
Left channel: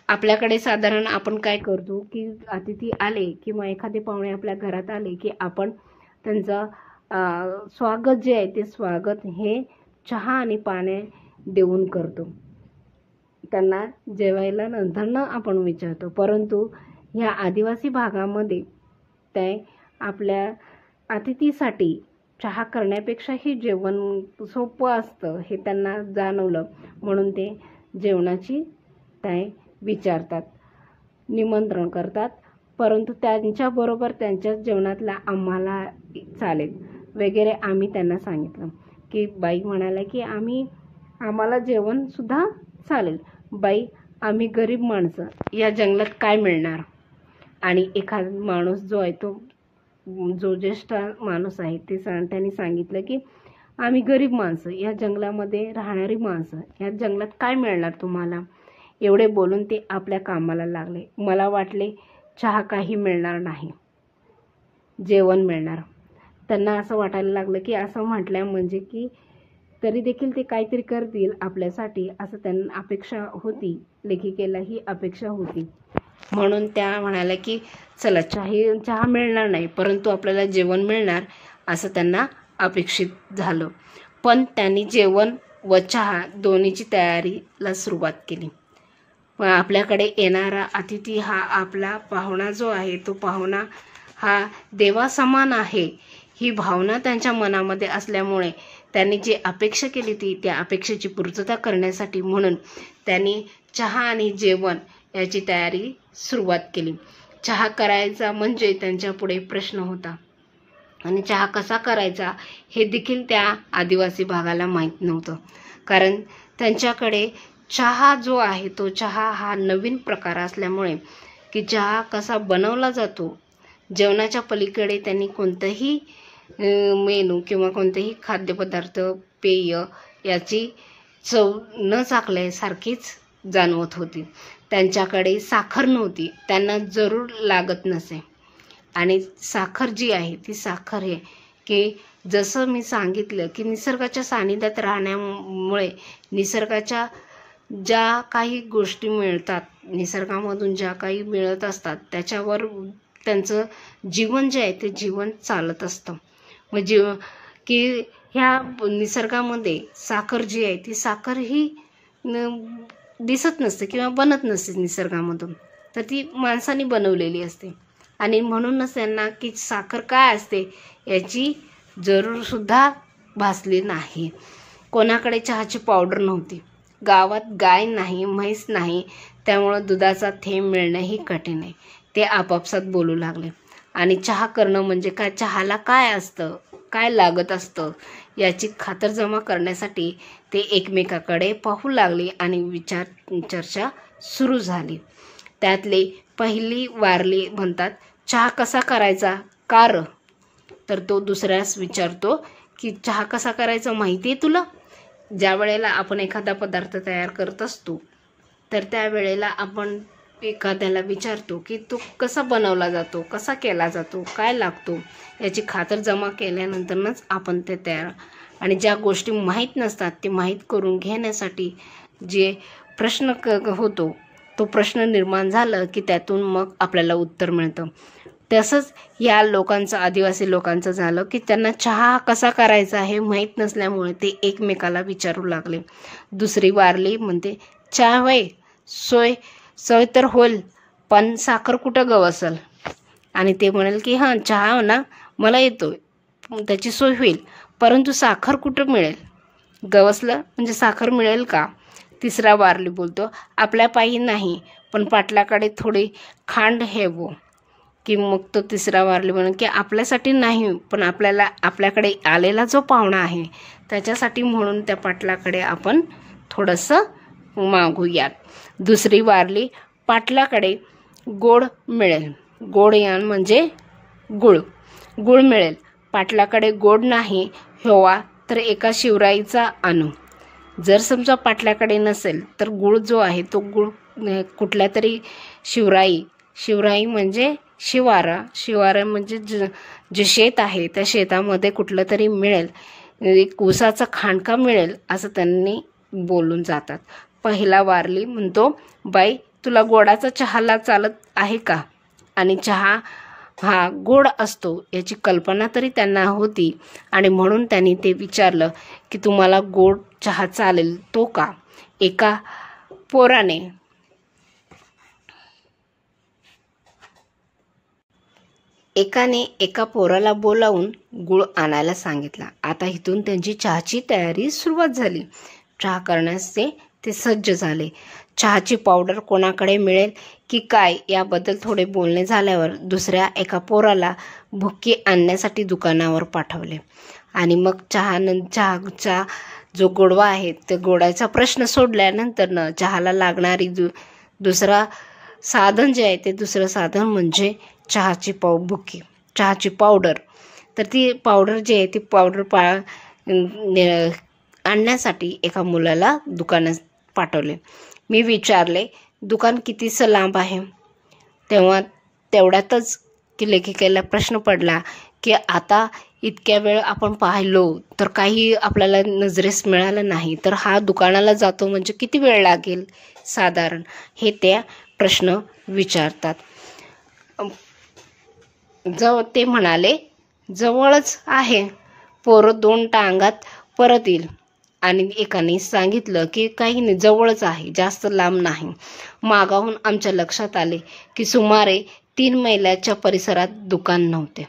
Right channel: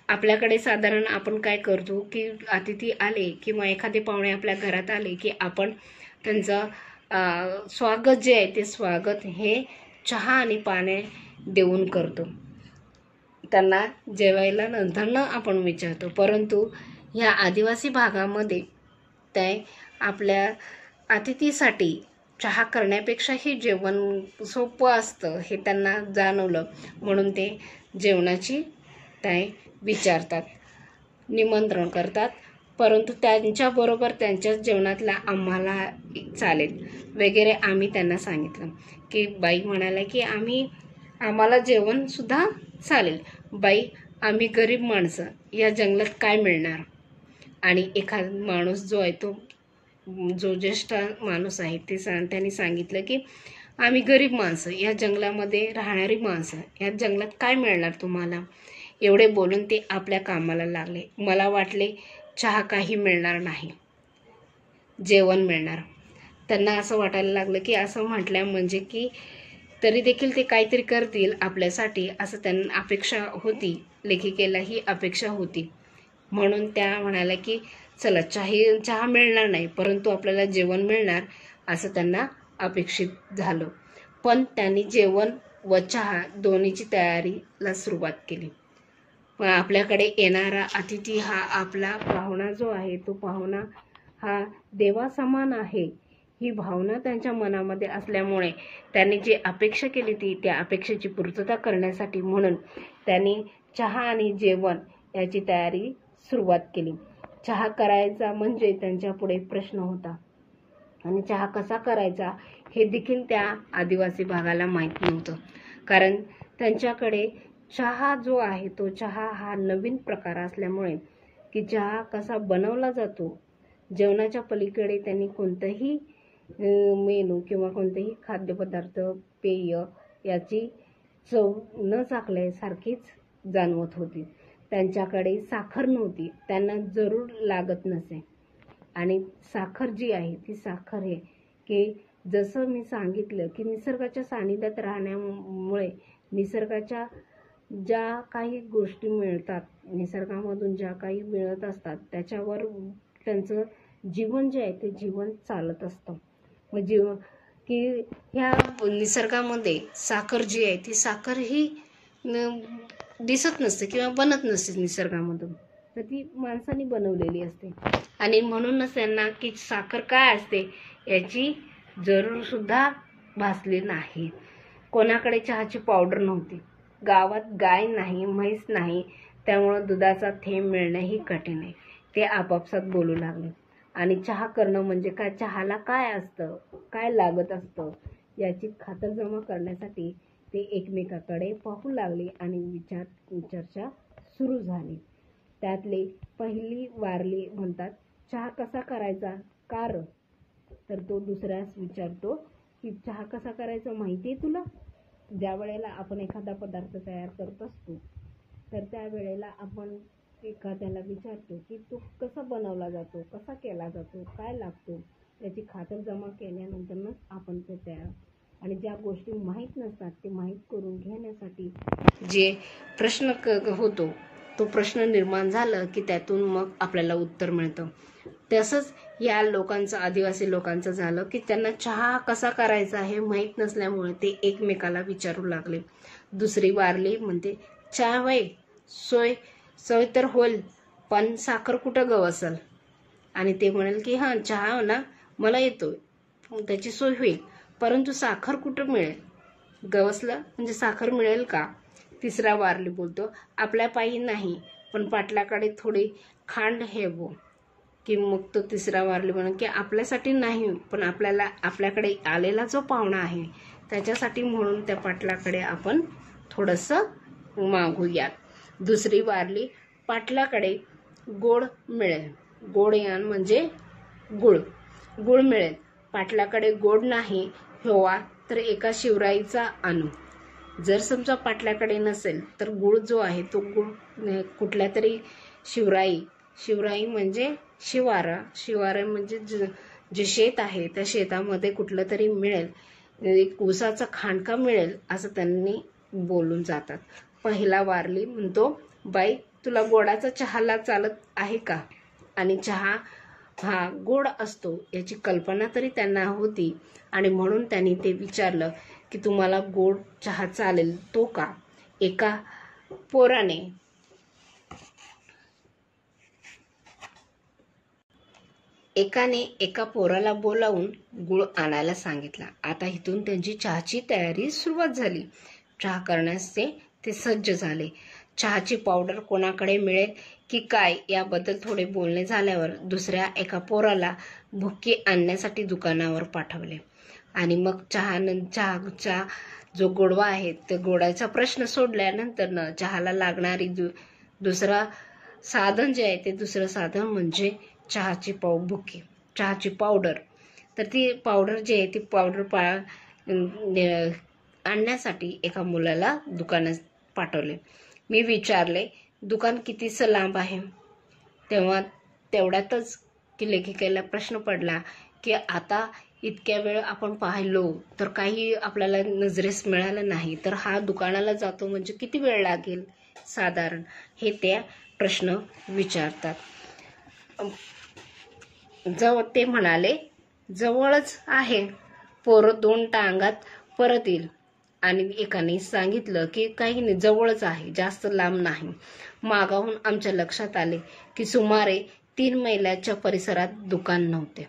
आपल्याकडे साधारण आपण काय करतो की अतिथी आले किंवा एखादे पाहुणे आपल्या घरात आले की आपण त्यांचं स्वागत जे आहे ते स्वागत हे चहा आणि पाणी देऊन करतो. त्यांना जेवायला नंतरनं आपण विचारतो. परंतु ह्या आदिवासी भागामध्ये ते आपल्या अतिथीसाठी चहा करण्यापेक्षाही जेवण सोपं असतं हे त्यांना जाणवलं. म्हणून ते जेवणाची ते विचारतात, निमंत्रण करतात. परंतु त्यांच्याबरोबर त्यांच्याच जेवणातला आम्हाला चालेल वगैरे आम्ही त्यांना सांगितलं की बाई म्हणाल्या की आम्हाला जेवणसुद्धा चालेल. बाई आम्ही गरीब माणसं, या जंगलात काय मिळणार? आणि एखादा माणूस जो आहे तो जो ज्येष्ठ माणूस आहे त्यांनी सांगितलं की आम्ही गरीब माणसं, या जंगलामध्ये राहणारी माणसं, या जंगलात काय मिळणार तुम्हाला. एवढे बोलून ते आपल्या कामाला लागले. मला वाटले चहा काही मिळणार नाही, जेवण मिळणार. त्यांना असं वाटायला लागलं की असं म्हटलं म्हणजे की तरी देखील ते काहीतरी करतील आपल्यासाठी, असं त्यांना अपेक्षा होती. लेखिकेला ही अपेक्षा होती. म्हणून त्या म्हणाल्या की चला चहा मिळणार नाही, परंतु आपल्याला जेवण मिळणार, असं त्यांना अपेक्षित झालं. पण त्यांनी जेवण व चहा दोन्हीची तयारीला सुरुवात केली. आपल्याकडे येणारा अतिथी हा आपला पाहुणा जो आहे तो पाहुणा हा देवासमान आहे, ही भावना त्यांच्या मनामध्ये असल्यामुळे त्यांनी जी अपेक्षा केली त्या अपेक्षेची पूर्तता करण्यासाठी म्हणून त्यांनी चहा आणि जेवण याची तयारी सुरुवात केली. चहा करायचा म्हणजे त्यांच्यापुढे प्रश्न होता आणि चहा कसा करायचा हे देखील त्या आदिवासी भागाला माहीत नव्हतं. कारण त्यांच्याकडे चहा जो आहे तो चहा हा नवीन प्रकार असल्यामुळे की चहा कसा बनवला जातो, जेवणाच्या पलीकडे त्यांनी कोणतंही मेनू किंवा कोणतेही खाद्यपदार्थ पेय याची चव न चाखल्यासारखीच जाणवत होती. त्यांच्याकडे साखर नव्हती, त्यांना जरूर लागत नसे. आणि साखर जी आहे ती साखर आहे की जसं मी सांगितलं की निसर्गाच्या सानिध्यात राहण्यामुळे निसर्गाच्या ज्या काही गोष्टी मिळतात, निसर्गामधून ज्या काही मिळत असतात त्याच्यावर त्यांचं जीवन जे आहे ते जीवन चालत असतं. म्हणजे की ह्या निसर्गामध्ये साखर जी आहे ती साखर ही दिसत नसते किंवा बनत नसते निसर्गामधून, तर ती माणसाने बनवलेली असते. आणि म्हणूनच त्यांना की साखर काय असते याची जरूर सुद्धा भासली नाही. कोणाकडे चहाची पावडर नव्हती, गावात गाय नाही, म्हैस नाही, त्यामुळं दुधाचा थेंब मिळणंही कठीण आहे. ते आपापसात बोलू लागले. आणि चहा करणं म्हणजे काय, चहाला काय असतं, काय लागत असतं याची खातरजमा करण्यासाठी ते एकमेकाकडे पाहू लागले आणि चर्चा सुरू झाली. त्यातले पहिली वारली म्हणतात, चहा कसा करायचा कार? तर तो दुसऱ्यास विचारतो की चहा कसा करायचा माहिती आहे तुला? ज्या वेळेला आपण एखादा पदार्थ तयार करत असतो तर त्यावेळेला आपण एखाद्याला विचारतो की तो कसा बनवला जातो, कसा केला जातो, काय लागतो, याची खातरजमा केल्यानंतरच आपण ते तयार. आणि ज्या गोष्टी माहीत नसतात ते माहीत करून घेण्यासाठी जे प्रश्न होतो तो प्रश्न निर्माण झाला की त्यातून मग आपल्याला उत्तर मिळतं. तसंच या लोकांचं, आदिवासी लोकांचं झालं की त्यांना चहा कसा करायचा हे माहीत नसल्यामुळे ते एकमेकाला विचारू लागले. दुसरी वारली म्हणते, चहा होय, सोय तर होईल, पण साखर कुठं गवसल? आणि ते म्हणाल की हां चहा हो ना मला येतोय, त्याची सोय होईल, परंतु साखर कुठं मिळेल? गवसलं म्हणजे साखर मिळेल का? तिसरा वारली बोलतो, आपल्या पायी नाही, पण पाटलाकडे थोडी खांड हेवो. की मग तो तिसरा वारली म्हणून की आपल्यासाठी नाही, पण आपल्याकडे आलेला जो पाहुणा आहे त्याच्यासाठी म्हणून त्या पाटलाकडे आपण थोडंसं मागूयात. दुसरी वारली, पाटलाकडे गोड मिळेल. गोड यान म्हणजे गुळ मिळेल. पाटलाकडे गोड नाही हेवा तर एका शिवराईचा आणू. जर समजा पाटलाकडे नसेल तर गुळ जो आहे तो गुळ कुठल्या तरी शिवराई म्हणजे शिवारा म्हणजे जे शेत आहे त्या शेतामध्ये कुठलं तरी मिळेल, एक ऊसाचा खांडका मिळेल असं त्यांनी बोलून जातात. पहिला वारली म्हणतो, बाई तुला गोडाचा चहाला चालत आहे का? आणि चहा हा गोड असतो याची कल्पना तरी त्यांना होती आणि म्हणून त्यांनी ते विचारलं की तुम्हाला गोड चहा चालेल तो का? एकाने एका पोराला बोलावून गुळ आणायला सांगितला. आता इथून त्यांची चहाची तयारी सुरुवात झाली. चहा करण्यास ते सज्ज झाले. चहाची पावडर कोणाकडे मिळेल की काय याबद्दल थोडे बोलणे झाल्यावर दुसऱ्या एका पोराला भुक्की आणण्यासाठी दुकानावर पाठवले. आणि मग चहाचा जो गोडवा आहे ते गोडाचा प्रश्न सोडल्यानंतर चहाला लागणारी दुसरा साधन जे आहे ते दुसरं साधन म्हणजे चहाची बुकी, चहाची पावडर. तर ती पावडर जी आहे ती पावडर आणण्यासाठी एका मुलाला दुकानात पाठवले. मी विचारले दुकान कितीसं लांब आहे. तेव्हा तेवढ्यातच की लेखिकेला प्रश्न पडला की आता इतक्या वेळ आपण पाहिलो तर काही आपल्याला नजरेस मिळालं नाही, तर हा दुकानाला जातो म्हणजे किती वेळ लागेल साधारण, हे त्या प्रश्न विचारतात. ते म्हणाले जवळच आहे, पोरं 2 टांगात परत येईल. आणि एकाने सांगितलं की काही नाही, जवळच आहे, जास्त लांब नाही. मागाहून आमच्या लक्षात आले की सुमारे 3 मैलाच्या परिसरात दुकान नव्हते.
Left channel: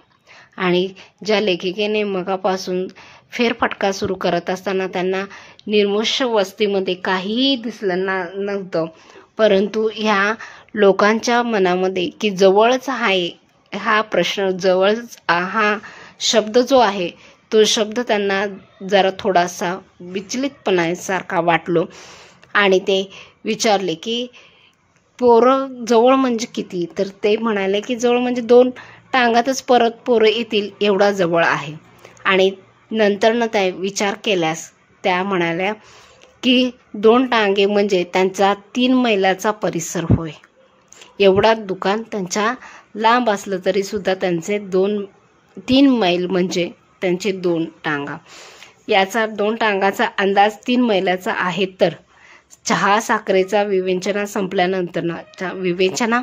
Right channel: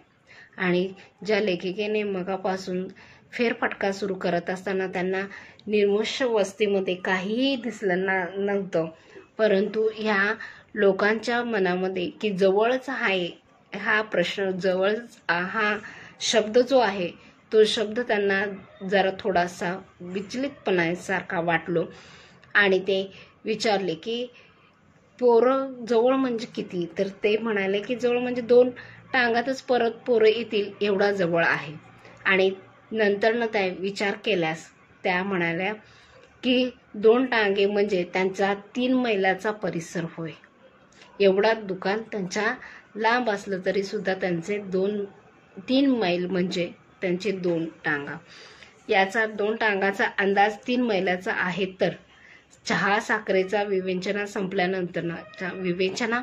आणि ज्या लेखिकेने मगापासून फेरफटका सुरू करत असताना त्यांना निर्मुष्य वस्तीमध्ये काहीही दिसलं नव्हतं, परंतु ह्या लोकांच्या मनामध्ये की जवळच आहे हा प्रश्न, जवळच हा शब्द जो आहे तो शब्द त्यांना जरा थोडासा विचलितपणासारखा वाटलो. आणि ते विचारले की पोरं जवळ म्हणजे किती. तर ते म्हणाले की जवळ म्हणजे 2 टांगातच परत पोरं येतील एवढा जवळ आहे. आणि नंतर त्या विचार केल्यास त्या म्हणाल्या की 2 टांगे म्हणजे त्यांचा 3 मैलाचा परिसर होय. एवढा दुकान त्यांच्या लांब असलं तरी सुद्धा त्यांचे 3 मैल म्हणजे त्यांचे 2 टांगा. याचा 2 टांगाचा अंदाज 3 मैलाचा आहे. तर चहा साखरेचा विवेचना संपल्यानंतर विवेचना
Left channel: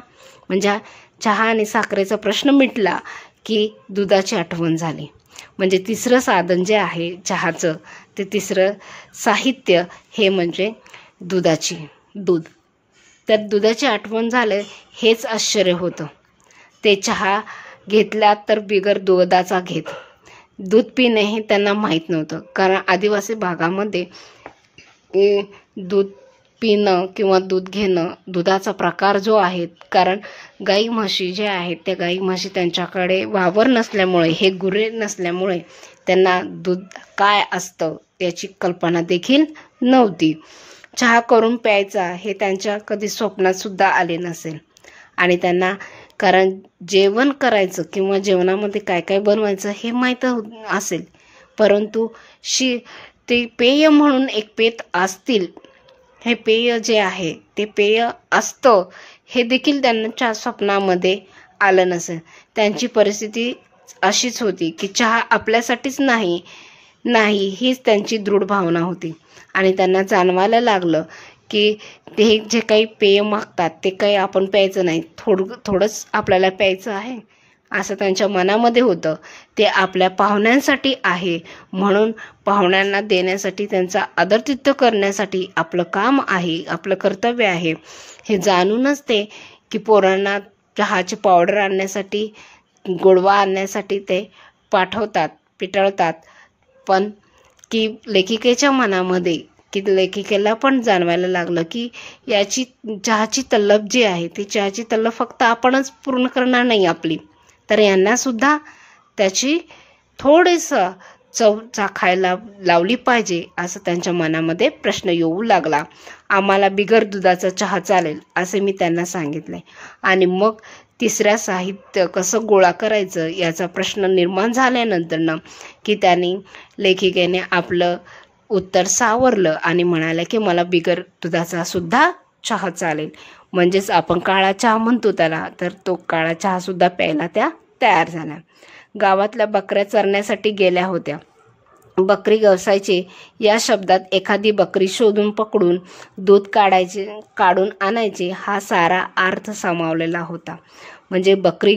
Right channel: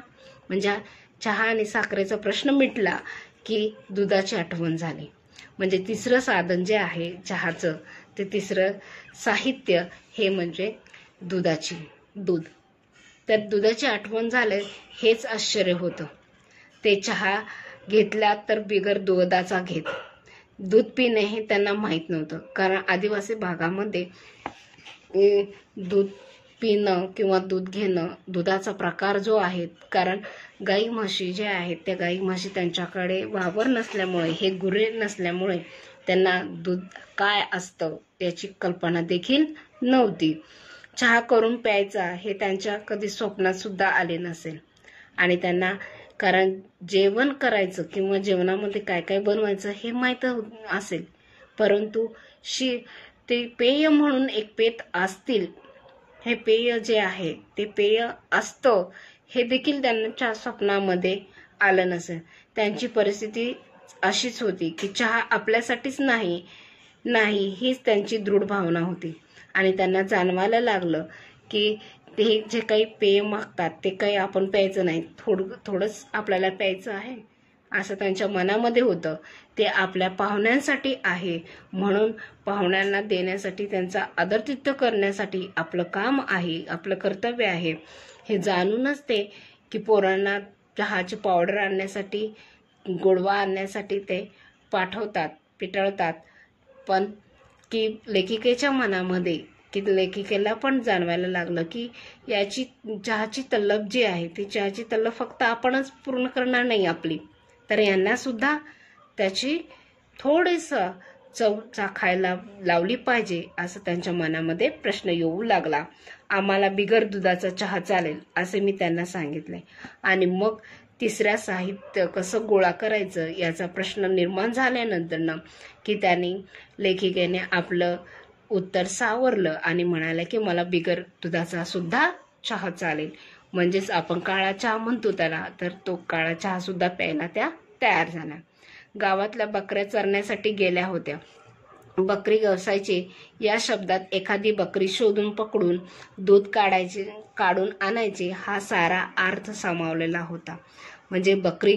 म्हणजे चहा आणि साखरेचा प्रश्न मिटला की दुधाची आठवण झाली. म्हणजे तिसरं साधन जे आहे चहाचं ते तिसरं साहित्य हे म्हणजे दूध. तर दुधाची आठवण झालं हेच आश्चर्य होतं. ते चहा घेतला तर बिगर दुधाचा घेत. दूध पिणे हे त्यांना माहीत नव्हतं, कारण आदिवासी भागामध्ये दूध पिणं किंवा दूध घेणं, दुधाचा प्रकार जो आहे, कारण गाई म्हशी जे आहेत त्या गाई म्हशी त्यांच्याकडे वावर नसल्यामुळे, हे गुरे नसल्यामुळे त्यांना दूध काय असतं याची कल्पना देखील नव्हती. चहा करून प्यायचा हे त्यांच्या कधी स्वप्नात सुद्धा आले नसेल. आणि त्यांना कारण जेवण करायचं किंवा जेवणामध्ये काय काय बनवायचं हे माहीत असेल, परंतु ते पेय म्हणून एक पेत असतील, हे पेय जे आहे ते पेय असतं हे देखील त्यांच्या स्वप्नामध्ये आलं नसेल. त्यांची परिस्थिती अशीच होती की चहा आपल्यासाठीच नाही हीच त्यांची दृढ भावना होती. आणि त्यांना जाणवायला लागलं की ते जे काही पेय मागतात ते काही आपण प्यायचं नाही, थोडंच आपल्याला प्यायचं आहे असं त्यांच्या मनामध्ये होतं. ते आपल्या पाहुण्यांसाठी आहे, म्हणून पाहुण्यांना देण्यासाठी, त्यांचा आदरातिथ्य करण्यासाठी आपलं काम आहे, आपलं कर्तव्य आहे हे जाणूनच ते की पोरांना चहाची पावडर आणण्यासाठी, गोडवा आणण्यासाठी ते पाठवतात, पिटळतात. पण की लेखिकेच्या मनामध्ये की लेखिकेला पण जाणवायला लागलं की याची चहाची तल्लफ जी आहे ती चहाची तल्लफ फक्त आपणच पूर्ण करणार नाही आपली, तर यांनासुद्धा त्याची थोडंसं चव चाखायला लावली पाहिजे असं त्यांच्या मनामध्ये प्रश्न येऊ लागला. आम्हाला बिगर दुधाचा चहा चालेल असे मी त्यांना सांगितले. आणि मग तिसऱ्या साहित्य कसं गोळा करायचं याचा प्रश्न निर्माण झाल्यानंतर की त्यांनी लेखिकेने आपलं उत्तर सावरलं आणि म्हणाले की मला बिगर दुधाचा सुद्धा चहा चालेल. म्हणजेच आपण काळा चहा म्हणतो त्याला, तर तो काळा चहा सुद्धा प्यायला त्या तयार झाल्या. गावातल्या बकऱ्या चरण्यासाठी गेल्या होत्या. बकरी गवसायचे या शब्दात एखादी बकरी शोधून पकडून दूध काढून आणायचे हा सारा अर्थ सामावलेला होता. म्हणजे बकरी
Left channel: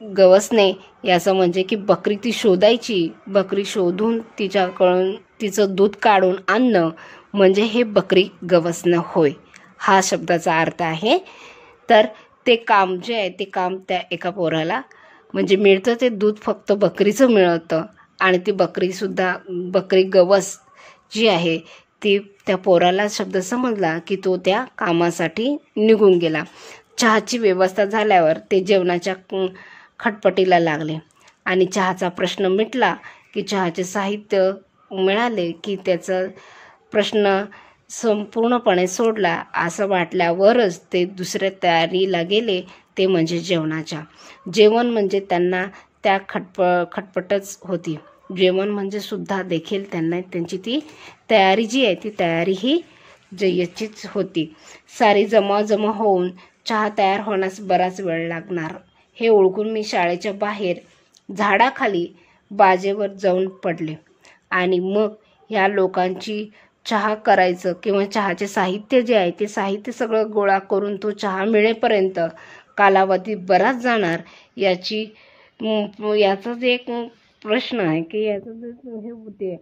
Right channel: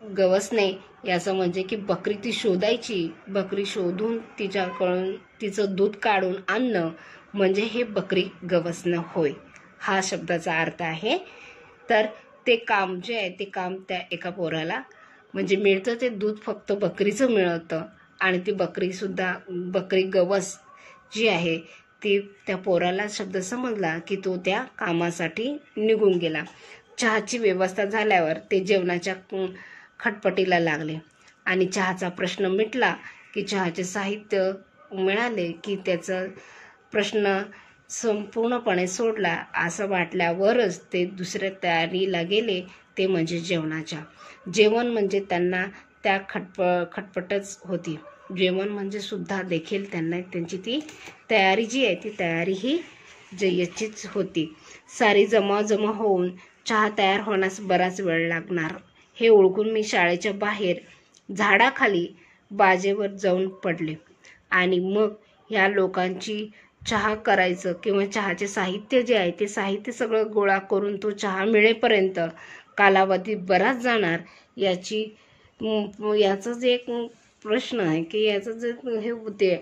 गवसणे याचं म्हणजे की बकरी ती शोधायची, बकरी शोधून तिच्याकडून तिचं दूध काढून आणणं म्हणजे हे बकरी गवसणं होय, हा शब्दाचा अर्थ आहे. तर ते काम जे आहे ते काम त्या एका पोराला म्हणजे मिळतं, ते दूध फक्त बकरीचं मिळतं. आणि ती बकरी गवस जी आहे ती त्या पोराला शब्द समजला की तो त्या कामासाठी निघून गेला. चहाची व्यवस्था झाल्यावर ते जेवणाच्या खटपटीला लागले. आणि चहाचा प्रश्न मिटला की चहाचे साहित्य मिळाले की त्याचा प्रश्न संपूर्णपणे सोडला असं वाटल्यावरच ते दुसऱ्या तयारीला गेले, ते म्हणजे जेवणाच्या. जेवण म्हणजे त्यांना त्या खटपटच होती. जेवण म्हणजे सुद्धा देखील त्यांना त्यांची ती तयारी जी आहे ती तयारी ही जय्यतचीच होती. सारी जमावजमा होऊन चहा तयार होण्यास बराच वेळ लागणार हे ओळखून मी शाळेच्या बाहेर झाडाखाली बाजेवर जाऊन पडले. आणि मग ह्या लोकांची चहा करायचं किंवा चहाचे साहित्य जे आहे ते साहित्य सगळं गोळा करून तो चहा मिळेपर्यंत कालावधी बराच जाणार याचा जे एक प्रश्न आहे की याचं जे हे होते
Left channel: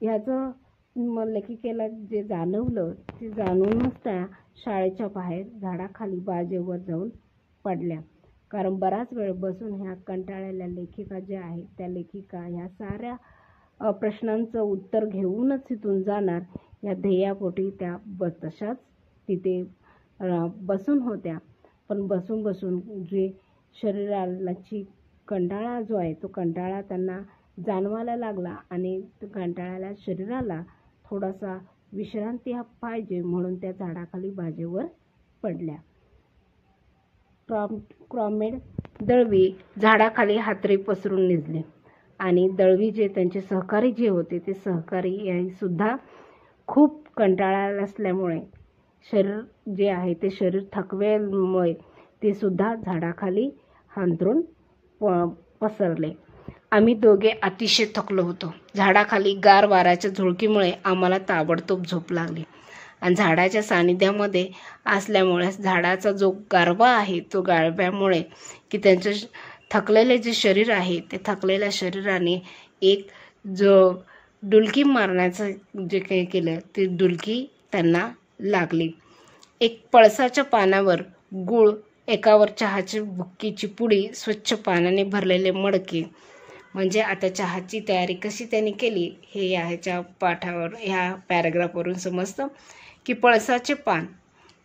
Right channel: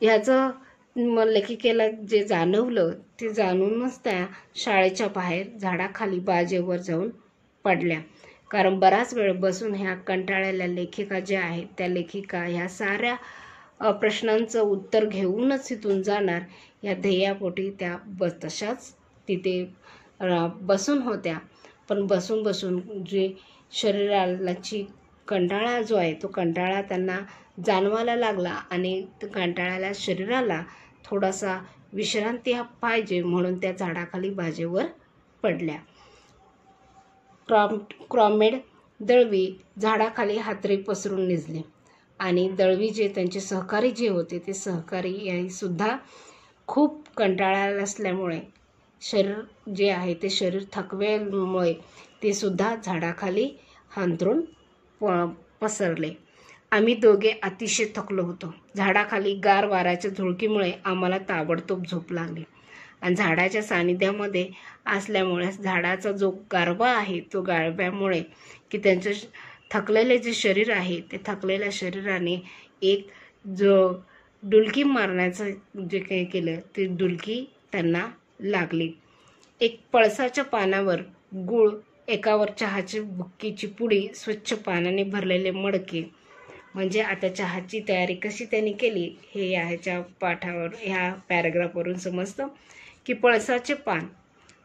ह्याचं लेखिकेला जे जाणवलं ते जाणूनच त्या शाळेच्या बाहेर झाडाखाली बाजेवर जाऊन पडल्या. कारण बराच वेळ बसून ह्या कंटाळलेल्या लेखिका ज्या आहेत त्या लेखिका ह्या साऱ्या प्रश्नांचं उत्तर घेऊनच तिथून जाणार या ध्येयापोटी त्या तशाच तिथे बसून होत्या. पण बसून बसून जे शरीराची कंटाळा जो आहे तो कंटाळा त्यांना जाणवायला लागला आणि कंटाळ्याला शरीराला थोडासा विश्रांती पाहिजे म्हणून त्या झाडाखाली बाजेवर पडल्या. क्रॉमेड दळवी झाडाखाली हातरी पसरून निजले आणि दळवी जे त्यांचे सहकारी जे होते ते सहकारी यांनी सुद्धा खूप कंटाळा असल्यामुळे शरीर जे आहे ते शरीर थकव्यामुळे ते सुद्धा झाडाखाली हांतरून पसरले. आम्ही दोघे अतिशय थकलो होतो. झाडाखाली गार वाऱ्याच्या झुळकीमुळे आम्हाला ताबडतोब झोप लागली आणि झाडाच्या सानिध्यामध्ये असल्यामुळे झाडाचा जो गारवा आहे तो गारव्यामुळे की त्यांचं थकलेले जे शरीर आहे ते थकलेल्या शरीराने एक जो डुलकी मारण्याचं जे काही केलं ते डुलकी त्यांना लागली. एक पळसाच्या पानावर गूळ, एकावर चहाची बुक्कीची पुडी, स्वच्छ पाण्याने भरलेले मडके. म्हणजे आता चहाची तयारी कशी त्यांनी केली हे ह्याच्या पाठावर ह्या पॅराग्राफवरून समजतं की पळसाचे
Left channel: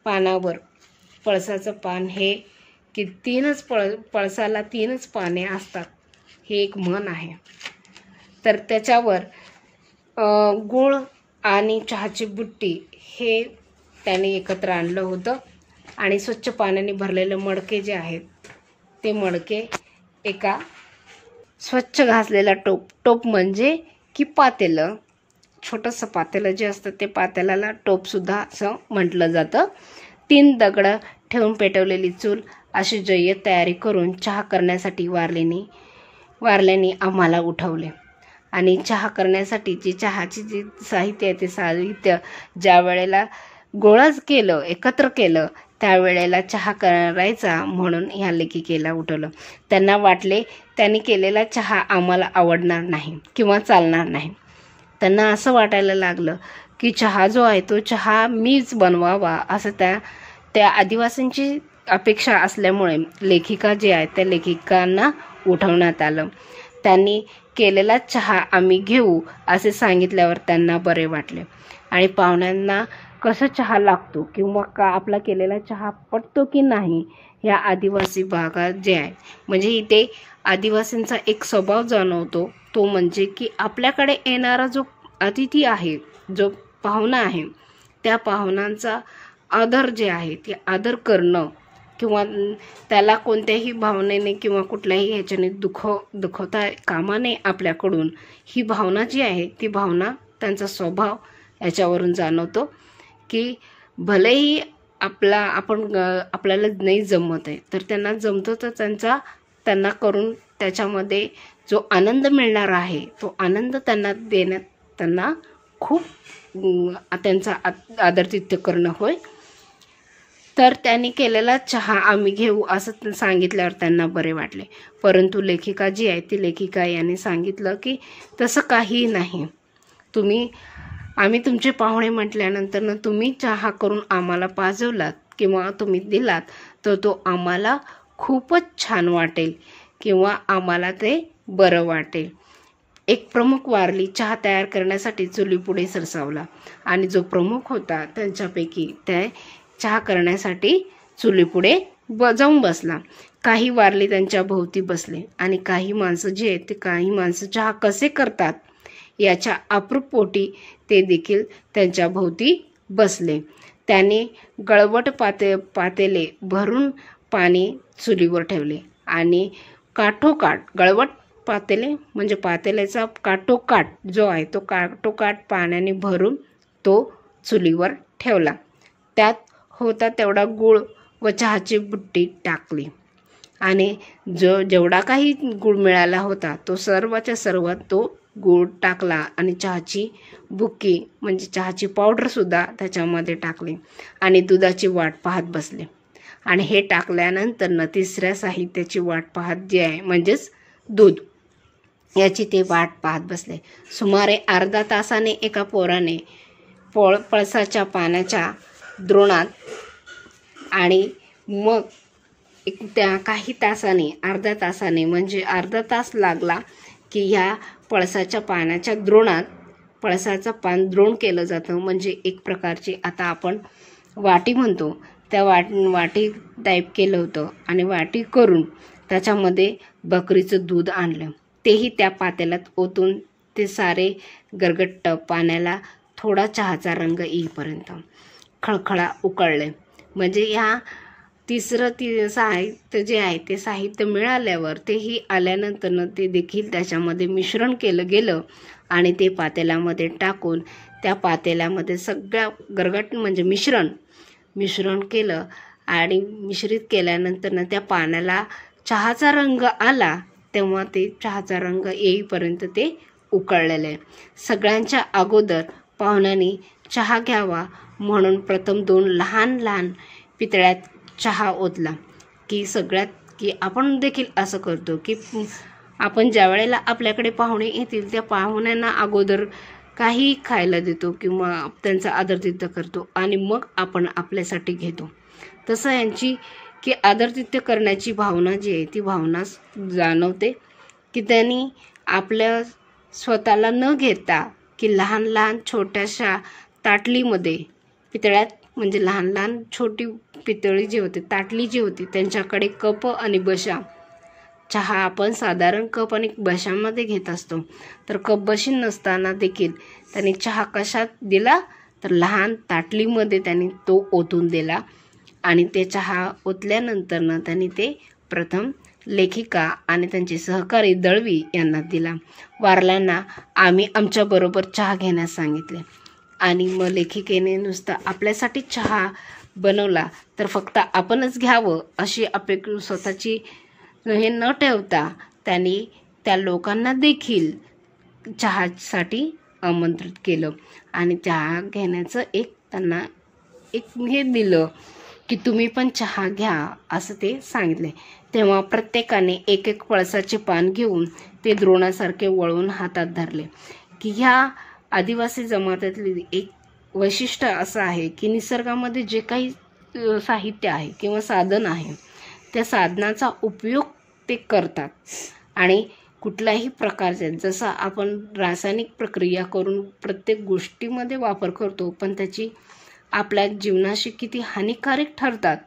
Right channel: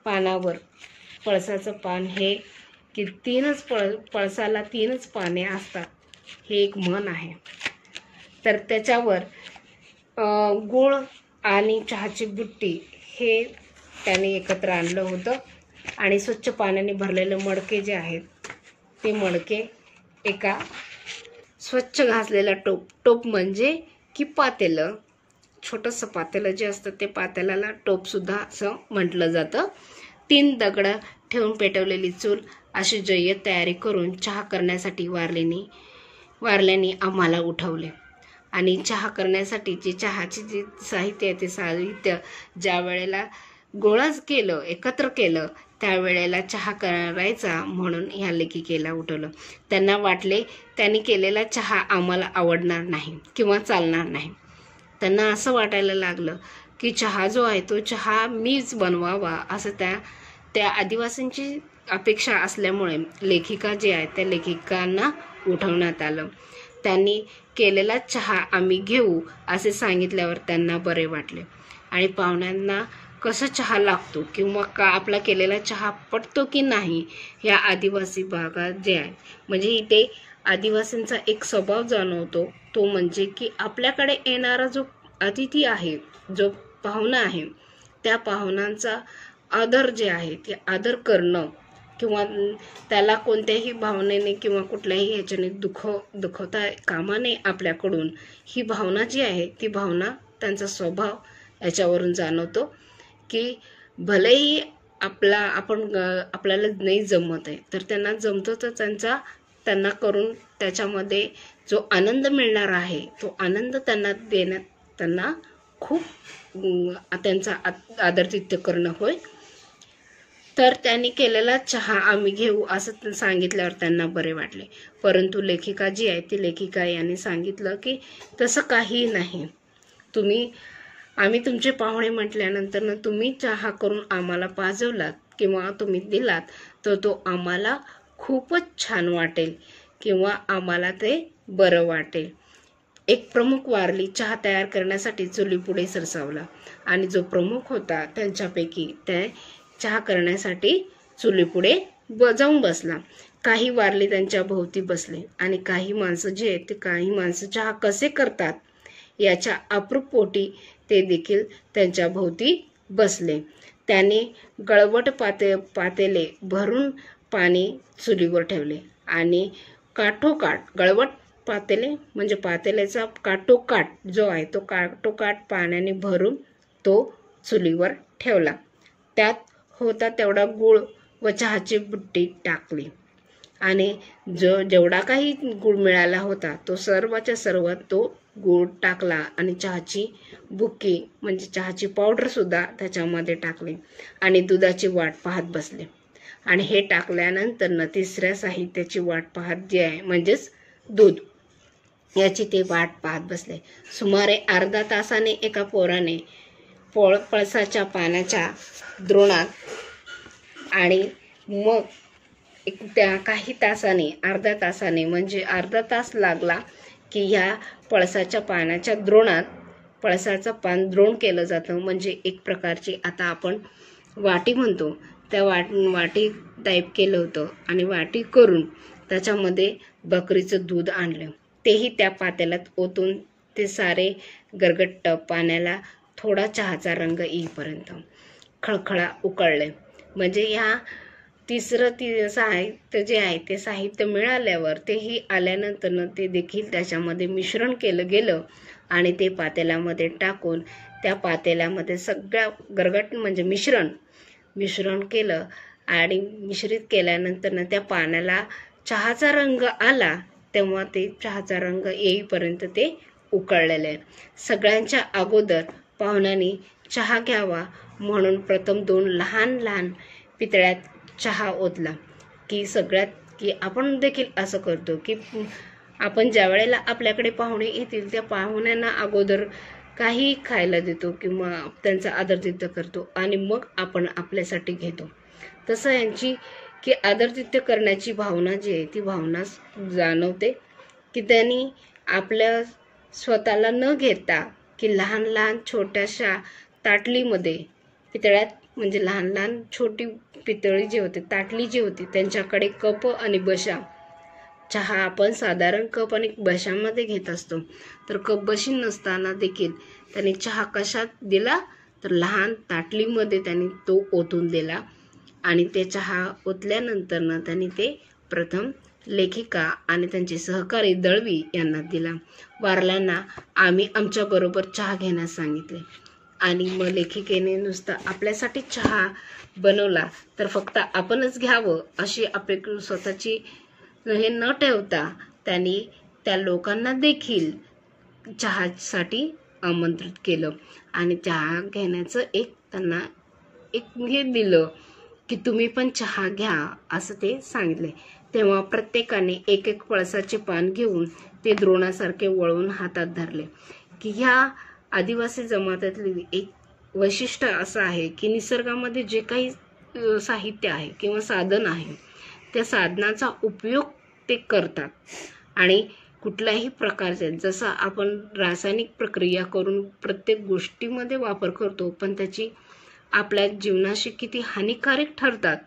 पानावर पळसाचं पान हे की पळसाला तीनच पाने असतात हे एक म्हण आहे. तर त्याच्यावर गूळ आणि चहाची बुट्टी हे त्याने एकत्र आणलं होतं आणि स्वच्छ पाण्याने भरलेले मडके जे आहेत ते मडके एका स्वच्छ घासलेला टोप म्हणजे की पातेलं, छोटंसं पातेलं जे असतं ते पातेल्याला टोपसुद्धा असं म्हटलं जातं. 3 दगडं ठेवून पेटवलेली चूल अशी जय्यत तयारी करून चहा करण्यासाठी वारल्याने आम्हाला उठवले. आणि चहा करण्यासाठी जी चहाची जी साहित्य आहे ते साहित्य ज्या वेळेला गोळाच केलं एकत्र केलं त्यावेळेला चहा करायचा म्हणून ह्या लेखिकेला उठवलं. त्यांना वाटले त्यांनी केलेला चहा आम्हाला आवडणार नाही किंवा चालणार नाही. त्यांना असं वाटायला लागलं की चहा जो आहे तो चहा मीच बनवावा असं त्या आदिवासींची अपेक्षा असल्यामुळे लेखिका जे आहेत त्या लेखिकांना उठवण्यात आलं. त्यांनी केलेला चहा आम्ही घेऊ असे सांगितल्यावर त्यांना बरे वाटले आणि पाहुण्यांना कसा चहा लागतो किंवा का आपला केलेला चहा पटतो की नाही ह्या आदिवासी भागात जे आहे म्हणजे इथे आदिवासींचा एक स्वभाव जाणवतो. तो म्हणजे की आपल्याकडे येणारा जो अतिथी आहे जो पाहुणा आहे त्या पाहुण्यांचा आदर जे आहे ते आदर करणं किंवा त्याला कोणत्याही भावनेने किंवा कुठल्याही ह्याच्याने दुखवता कामा नये आपल्याकडून ही भावना जी आहे ती भावना त्यांचा स्वभाव याच्यावरून जाणवतो की भलेही आपल्याला नाही जमत आहे तर त्यांना जमतो तर त्यांना करून त्याच्यामध्ये जो आनंद मिळणार आहे तो आनंद त्यांना देण्यात त्यांना खूप त्यांचा आदरातिथ्य करणं होय. तर त्यांनी केलेला चहा आम्ही घेऊ असं सांगितल्यावर त्यांना बरे वाटले. परंतु लेखिका जी आहे ती लेखिका यांनी सांगितलं की तसं काही नाही, आम्ही तुमचे पाहुणे म्हटल्यानंतर तुम्ही चहा करून आम्हाला पाजवलात किंवा तुम्ही दिलात तर तो आम्हाला खूपच छान वाटेल किंवा आम्हाला ते बरं वाटेल. एक प्रमुख वारली चहा तयार करण्यासाठी चुलीपुढे सरसावला आणि जो प्रमुख होता त्यांच्यापैकी त्या चहा करण्यासाठी चुलीपुढे जाऊन बसला. काही वारली त्यांच्या भोवती बसले आणि काही माणसं जे आहेत ते काही माणसं चहा कसे करतात याच्या अप्रूप पोटी ते देखील त्यांच्या भोवती बसले. त्याने गळवट पातेले भरून पाणी चुलीवर ठेवले आणि काठोकाठ गळवट पातेले म्हणजे पातेल्याचा काठोकाठ जो आहे तो काठोकाठ पाण्याने भरून तो चुलीवर ठेवला. त्यात होता तेवढा गूळ व चहाची बुट्टी टाकली आणि जेवढा काही गूळ मिळाला होता तो सर्वच्या सर्व तो गूळ टाकला आणि चहाची बुक्की म्हणजे चहाची पावडर सुद्धा त्याच्यामध्ये टाकली आणि दुधाची वाट पाहत बसले. आणि हे टाकल्यानंतर तिसऱ्या साहित्याची वाट पाहत जे आहे म्हणजेच दूध याची ते वाट पाहत बसले. सुमारे अर्धा तासाने एका पोराने पळसाच्या पानाच्या द्रोणात आणि मग त्या काही तासाने अर्धा तासाने म्हणजे अर्धा तास लागला की ह्या पळसाच्या पानाच्या द्रोणात पळसाचं पान द्रोण केलं जातं. म्हणजे एक प्रकारची आता आपण वाटी म्हणतो त्या वाटी टाईप केलं होतं आणि वाटी करून त्याच्यामध्ये बकरीचं दूध आणलं. तेही त्या पातेल्यात ओतून ते सारे गरगट्ट पाण्याला थोडा चहाचा रंग येईपर्यंत खळखळा उकळले. म्हणजे ह्या तिसरं साहित्य जे आहे ते साहित्य मिळाल्यावर तेही आल्यानंतर ते देखील त्याच्यामध्ये मिश्रण केलं गेलं आणि ते पातेल्यामध्ये टाकून त्या पातेल्यामध्ये सगळ्या गरगट म्हणजे मिश्रण केलं आणि मिश्रित केल्यानंतर त्या पाण्याला चहाचा रंग आला तेव्हा ते चहाचा रंग येईपर्यंत ते उकळलेले. सगळ्यांच्या अगोदर पाहुण्यांनी चहा घ्यावा म्हणून प्रथम 2 लहान लहान पितळ्यात चहा ओतला की आपण देखील असं करतो की आपण ज्या वेळेला आपल्याकडे पाहुणे येतील त्या पाहुण्यांना अगोदर काही खायला देतो किंवा त्यांचा आदरातिथ्य करतो आणि मग आपण आपल्यासाठी घेतो. तसं यांची की आदरातिथ्य करण्याची भावना जी आहे ती भावना जाणवते की त्यांनी आपल्या स्वतःला न घेता की लहान लहान छोट्याशा ताटलीमध्ये पितळ्यात म्हणजे लहान लहान छोटी पितळी जी होती ताटली जी होती त्यांच्याकडे कप आणि बशा चहा आपण साधारण कप आणि बशामध्ये घेत असतो तर कप बशी नसताना देखील त्यांनी चहा कशात दिला तर लहान ताटलीमध्ये त्यांनी तो ओतून दिला आणि ते चहा ओतल्यानंतर त्यांनी ते प्रथम लेखिका आणि त्यांचे सहकारी दळवी यांना दिला. वारल्यांना आम्ही आमच्याबरोबर चहा घेण्यास सांगितले आणि मग लेखिकेने नुसता आपल्यासाठी चहा बनवला तर फक्त आपणच घ्यावं अशी अपेक्षा स्वतःची हे न ठेवता त्यांनी त्या लोकांना देखील चहासाठी आमंत्रित केलं आणि चहा घेण्याचं त्यांना हे दिलं की तुम्ही पण चहा घ्या असं ते सांगितले. तेव्हा प्रत्येकाने एक एक पळसाचे पान घेऊन ते द्रोणासारखे वळवून हातात धरले की ह्या आदिवासी जमातीतली एक वैशिष्ट्य असं आहे की निसर्गामध्ये जे काही साहित्य आहे किंवा साधन आहे त्या साधनाचा उपयोग ते करतात आणि कुठल्याही प्रकारचे जसं आपण रासायनिक प्रक्रिया करून प्रत्येक गोष्टीमध्ये वापर करतो पण त्याची आपल्या जीवनाशी किती हानिकारक ठरतात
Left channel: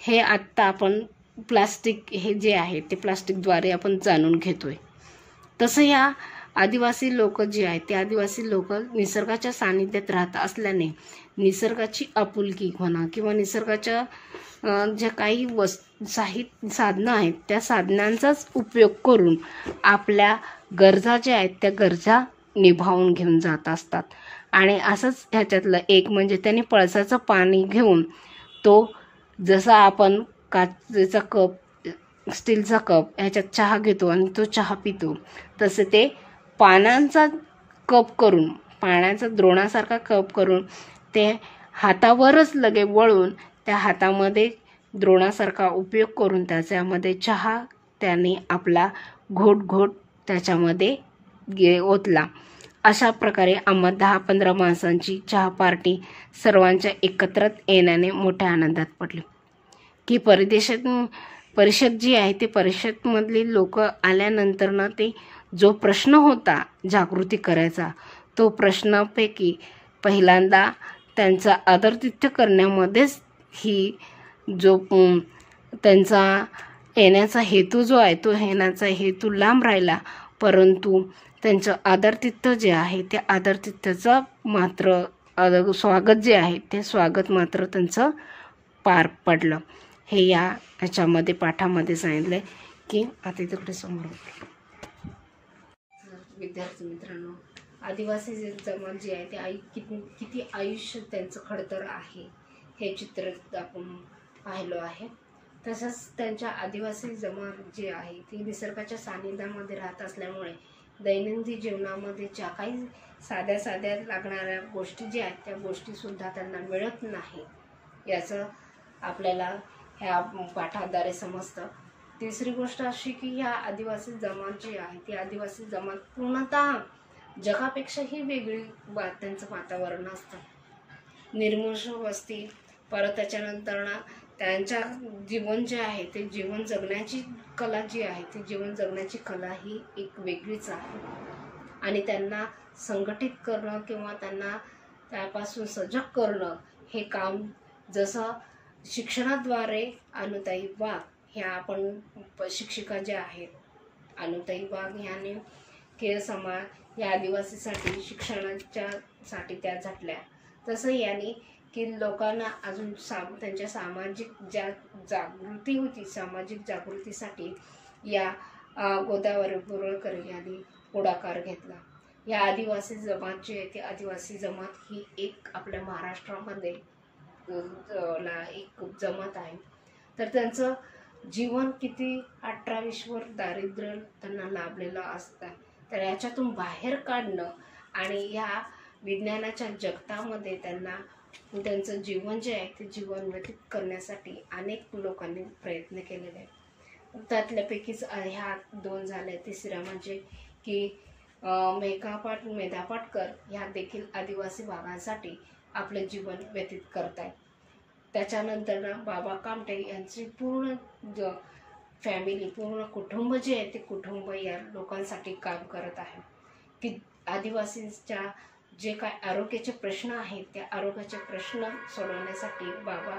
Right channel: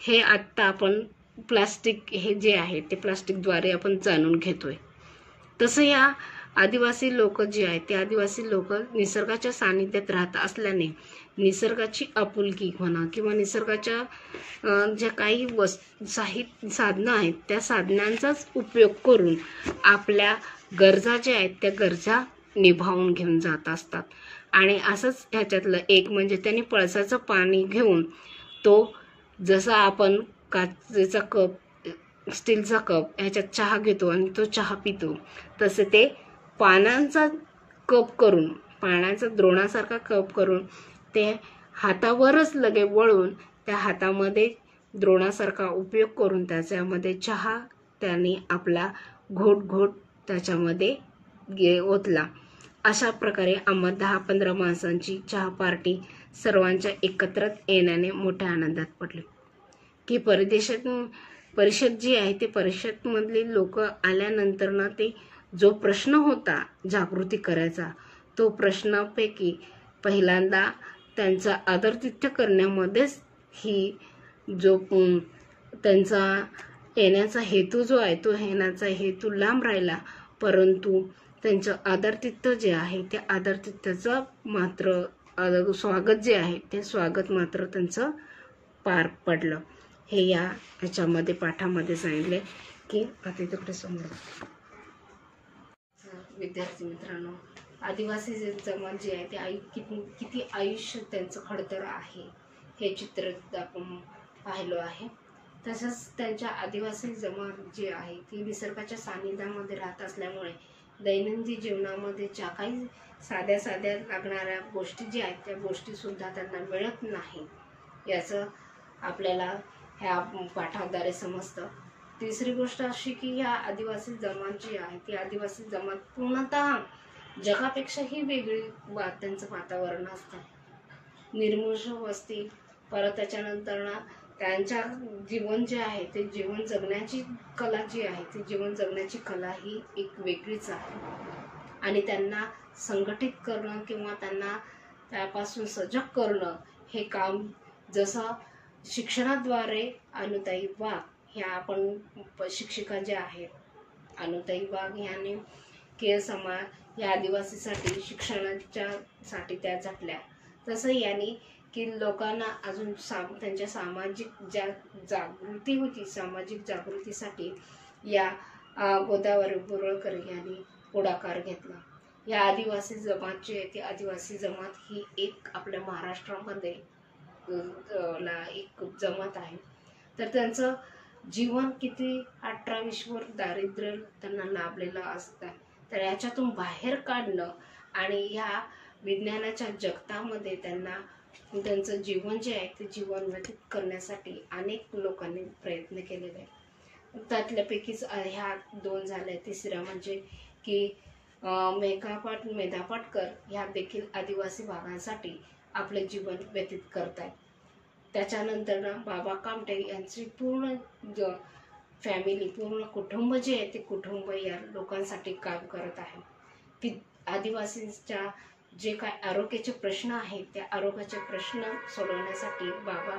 हे आत्ता आपण प्लास्टिक हे जे आहे ते प्लास्टिकद्वारे आपण जाणून घेतोय. तसं या आदिवासी लोक जे आहेत ते आदिवासी लोक निसर्गाच्या सानिध्यात राहत असल्याने निसर्गाची आपुलकी म्हणा किंवा निसर्गाच्या ज्या काही साधनं आहेत त्या साधनांचाच उपयोग करून आपल्या गरजा ज्या आहेत त्या गरजा निभावून घेऊन जात असतात. आणि असंच ह्याच्यातलं एक म्हणजे त्यांनी पळसाचं पाणी घेऊन तो जसा आपण काचेचा कप स्टीलचा कप ह्याच्यात चहा घेतो आणि तो चहा पितो तसे ते पानांचा कप करून पाण्याचा द्रोणासारखा कप करून ते हातावरच लगे वळून त्या हातामध्ये द्रोणासारखा उपयोग करून त्याच्यामध्ये चहा त्यांनी आपला घोट त्याच्यामध्ये ओतला. अशा प्रकारे आम्हा 10-15 माणसांची चहा पार्टी सर्वांच्या एकत्र येण्याने मोठ्या आनंदात पडली की परिषद जी आहे ते परिषदमधली लोक आल्यानंतर ते जो प्रश्न होता जागृती करायचा तो प्रश्नापैकी पहिल्यांदा त्यांचा आदरातिथ्य करण्यामध्येच ही जो त्यांचा येण्याचा हेतू जो आहे तो येण्याचा हेतू लांब राहिला परंतु त्यांचं आदरातिथ्य जे आहे ते आदरातिथ्याचं मात्र स्वागत जे आहे ते स्वागत मात्र त्यांचं पार पडलं. हे याच्यामध्ये पाठामध्ये सांगितलं की आता तिकडे समोर विद्यार्थी मित्रांनो, आदिवासी जमात जी आहे ते किती आयुष्य त्यांचं खडतर आहे हे चित्र आपण पाहिलं आहे. तसंच त्यांच्या आदिवासी जमात जी आहे ती निसर्गाच्या सानिध्यामध्ये राहत असल्यामुळे दैनंदिन जीवनामध्ये ज्या काही साध्या साध्या लागणाऱ्या गोष्टी ज्या आहेत त्या गोष्टीसुद्धा त्यांना मिळत नाही, याचं आपल्याला ह्या पाठाद्वारे समजतं. तिसरी गोष्ट अशी की ह्या आदिवासी जमात जी आहे ती आदिवासी जमात पूर्णतः जगापेक्षाही वेगळी त्यांचं वातावरण असतं. निर्मनुष्य वस्ती, परत त्याच्यानंतर त्यांच्या जीवन जे आहे ते जीवन जगण्याची कला जी आहे ती जीवन जगण्याची कला ही एक वेगळीच आहे. आणि त्यांना संघटित करणं किंवा त्यांना त्यापासून सजग करणं हे काम जसं शिक्षणाद्वारे अनुताई वाघ ह्या आपण शिक्षिका ज्या आहेत अनुताई वाघ ह्याने केळ समाज या आदिवासीसाठी शिक्षणाच्या साठी त्या झटल्या, तसं यांनी की लोकांना अजून त्यांच्या सामाजिक जागृती होती, सामाजिक जागृतीसाठी या गोदावरी पुरळकर यांनी पुढाकार घेतला. या आदिवासी जमात जी आहे ती आदिवासी जमात ही एक आपल्या महाराष्ट्रामध्ये एक जमात आहे. तर त्यांचं जीवन किती 18-20 वर दारिद्र्य त्यांना लाभलेलं असतं. तर याच्यातून बाहेर काढणं आणि या विज्ञानाच्या जगतामध्ये त्यांचं जीवन जे आहे ते जीवन व्यतीत करण्यासाठी अनेक लोकांनी प्रयत्न केलेले आहेत. त्यातल्यापैकीच ह्या 2 झाल्या. तिसऱ्या म्हणजे की मेधा पाटकर ह्या देखील आदिवासी भागांसाठी आपले जीवन व्यतीत करतायत. त्याच्यानंतर बाबा कामटे यांची पूर्ण फॅमिली, पूर्ण कुटुंब जे आहे ते कुटुंब या लोकांसाठी काम करत आहे की आदिवासींच्या जे काय आरोग्याचे प्रश्न आहेत त्या आरोग्याचे प्रश्न सोडवण्यासाठी बाबा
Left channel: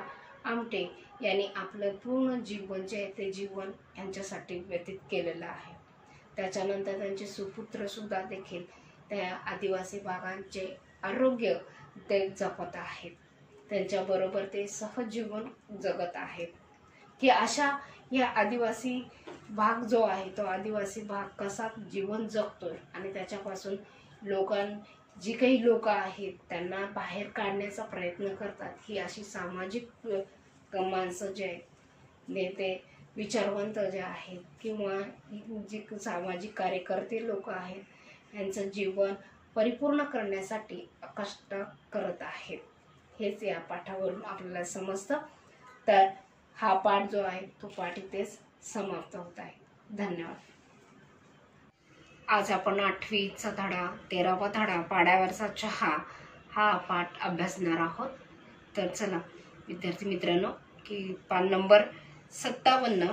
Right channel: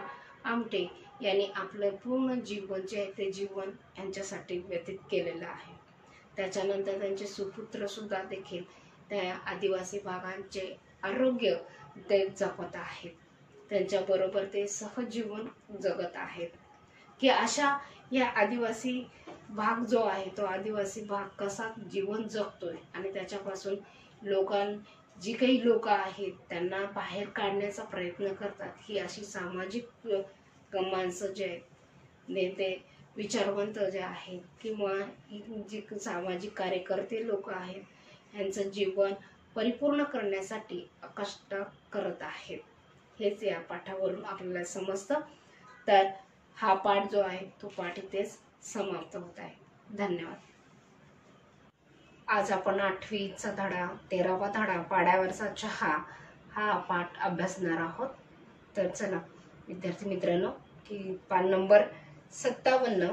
आमटे यांनी आपलं पूर्ण जीवन जे आहे ते जीवन यांच्यासाठी व्यतीत केलेलं आहे. त्याच्यानंतर त्यांचे सुपुत्र सुद्धा देखील त्या आदिवासी भागांचे आरोग्य ते जपत आहेत, त्यांच्याबरोबर ते सहजीवन जगत आहेत. की अशा या आदिवासी भाग जो आहे तो आदिवासी भाग कसा जीवन जगतोय आणि त्याच्यापासून जी काही लोक आहेत त्यांना बाहेर काढण्याचा प्रयत्न करतात. ही अशी सामाजिक माणसं जे आहेत, नेते विचारवंत जे आहेत किंवा जी सामाजिक कार्यकर्ते लोक आहेत यांचं जीवन परिपूर्ण करण्यासाठी कष्ट करत आहेत, हेच या पाठावरून आपल्याला समजतं. तर हा पाठ जो आहे तो पाठ इथेच समाप्त होत आहे. धन्यवाद. आज आपण 8वीचा धडा 13वा धडा पाड्यावरचा चहा हा पाठ अभ्यासणार आहोत. तर चला विद्यार्थी मित्रांनो की पान नंबर 57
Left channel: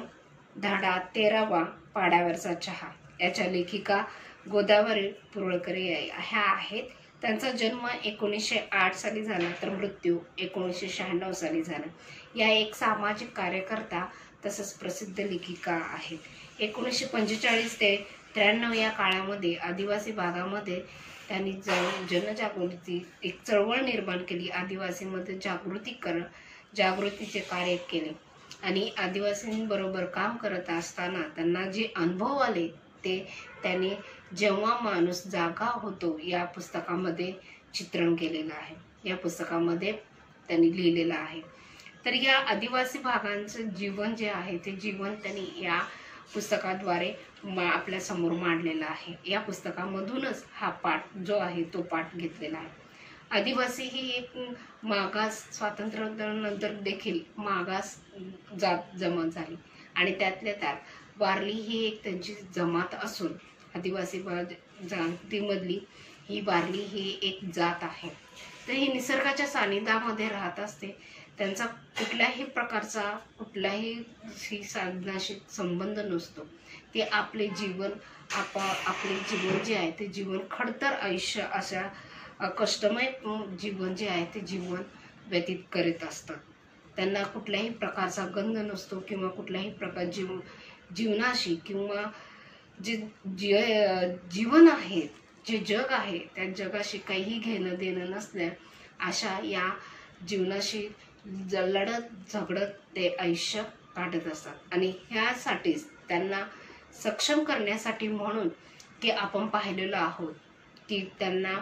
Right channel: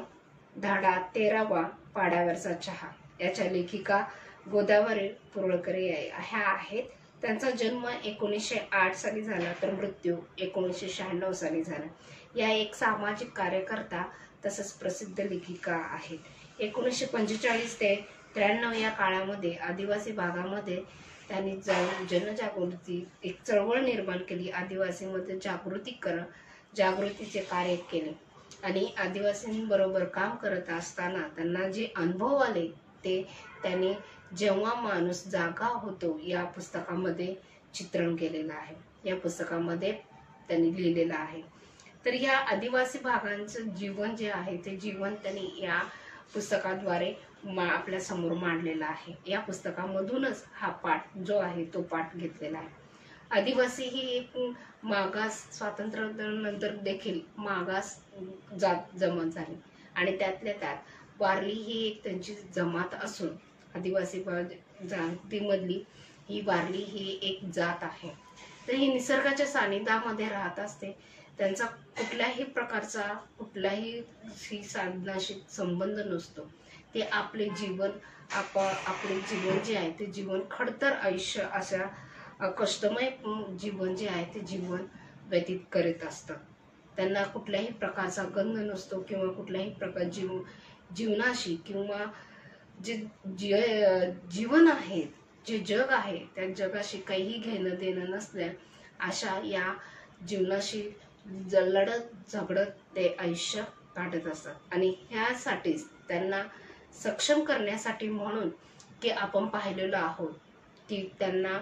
धडा 13वा पाड्यावरचा चहा याच्या लेखिका गोदावरी पुरळकर ह्या आहेत. त्यांचा जन्म 1908 साली झाला तर मृत्यू 1996 साली झाला. या एक सामाजिक कार्यकर्ता तसंच प्रसिद्ध लेखिका आहेत. 1945 ते 93 या काळामध्ये आदिवासी भागामध्ये त्यांनी जनजागृती एक चळवळ निर्माण केली. आदिवासींमध्ये जागृतीचे कार्य केले आणि आदिवासींबरोबर काम करत असताना त्यांना जे अनुभव आले ते त्यांनी जेव्हा माणूस जागा होतो या पुस्तकामध्ये चित्रण केलेलं आहे, या पुस्तकामध्ये त्यांनी लिहिलेलं आहे. तर या आदिवासी भागांचं जीवन जे आहे ते जीवन त्यांनी या पुस्तकाद्वारे आपल्या समोर मांडलेला आहे. या पुस्तकामधूनच हा पाठ जो आहे तो पाठ घेतलेला आहे. आदिवासी ही एक मागास स्वातंत्र्यानंतर देखील मागास जमात झाली आणि त्यातल्या त्यात वारली ही एक त्यांची जमात असून आदिवासी जातीमधली ही वारली ही एक जात आहे. तर ही निसर्गाच्या सानिध्यामध्ये राहत असते. त्यांचा कुठल्याही प्रकारचा कुठल्याही साधनाशी संबंध नसतो. ते आपले जीवन जे आहे ते जीवन खडतर आयुष्य अशा कष्टमय जीवन जे आहे ते जीवन व्यतीत करीत असतात. त्यांना कुठल्याही प्रकारचा गंध नसतो किंवा कुठल्याही प्रकार जीवनाशी किंवा जीवन आहे, जे जग आहे, त्या जगाशी काहीही घेणं देणं नसल्या अशा या जीवनाशी लढत झगडत ते आयुष्य काढत असतात. आणि ह्यासाठीच त्यांना सक्षम करण्यासाठी म्हणून की आपण पाहिलेलं आहोत की त्यांना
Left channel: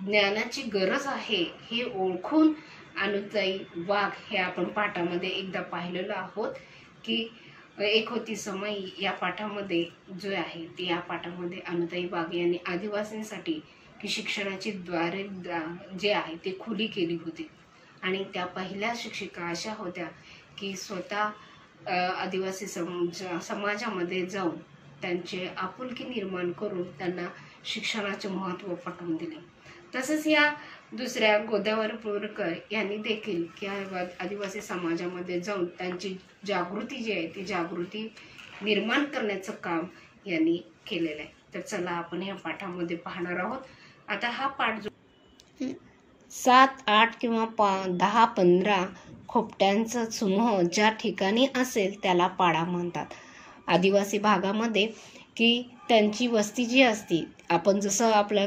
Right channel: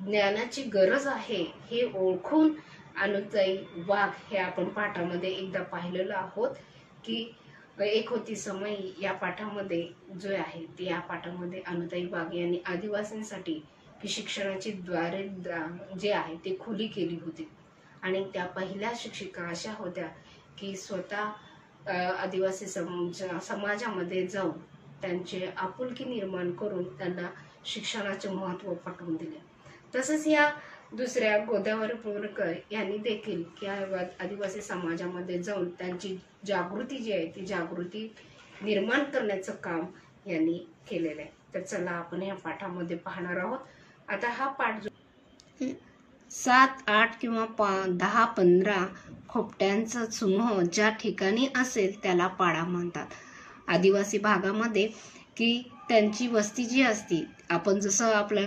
ज्ञानाची गरज आहे हे ओळखून अनुताई वाघ हे आपण पाठामध्ये एकदा पाहिलेलं आहोत की एक होती समयी या पाठामध्ये जो आहे ते या पाठामध्ये अनुताई वाघ यांनी आदिवासींसाठी की शिक्षणाची द्वारे जे आहे ते खुली केली होती. आणि त्या पहिल्या शिक्षिका अशा होत्या की स्वतः आदिवासी समाजामध्ये जाऊन त्यांचे आपुलकी निर्माण करून त्यांना शिक्षणाचे महत्त्व पटवून दिले. तसंच या दुसऱ्या गोदावरी बोरकर यांनी देखील की आदिवासी समाजामध्ये जाऊन त्यांची जागृती जी आहे ती जागृती निर्माण करण्याचं काम यांनी केलेलं आहे. तर चला आपण या पाठामध्ये पाहणार आहोत. आता हा पाठ जो 7, 8 किंवा 10, 15 खोपट्यांचा समूह ज्या ठिकाणी असेल त्याला पाडा म्हणतात. आदिवासी भागामध्ये की त्यांची वस्ती जी असती, आपण जसं आपल्या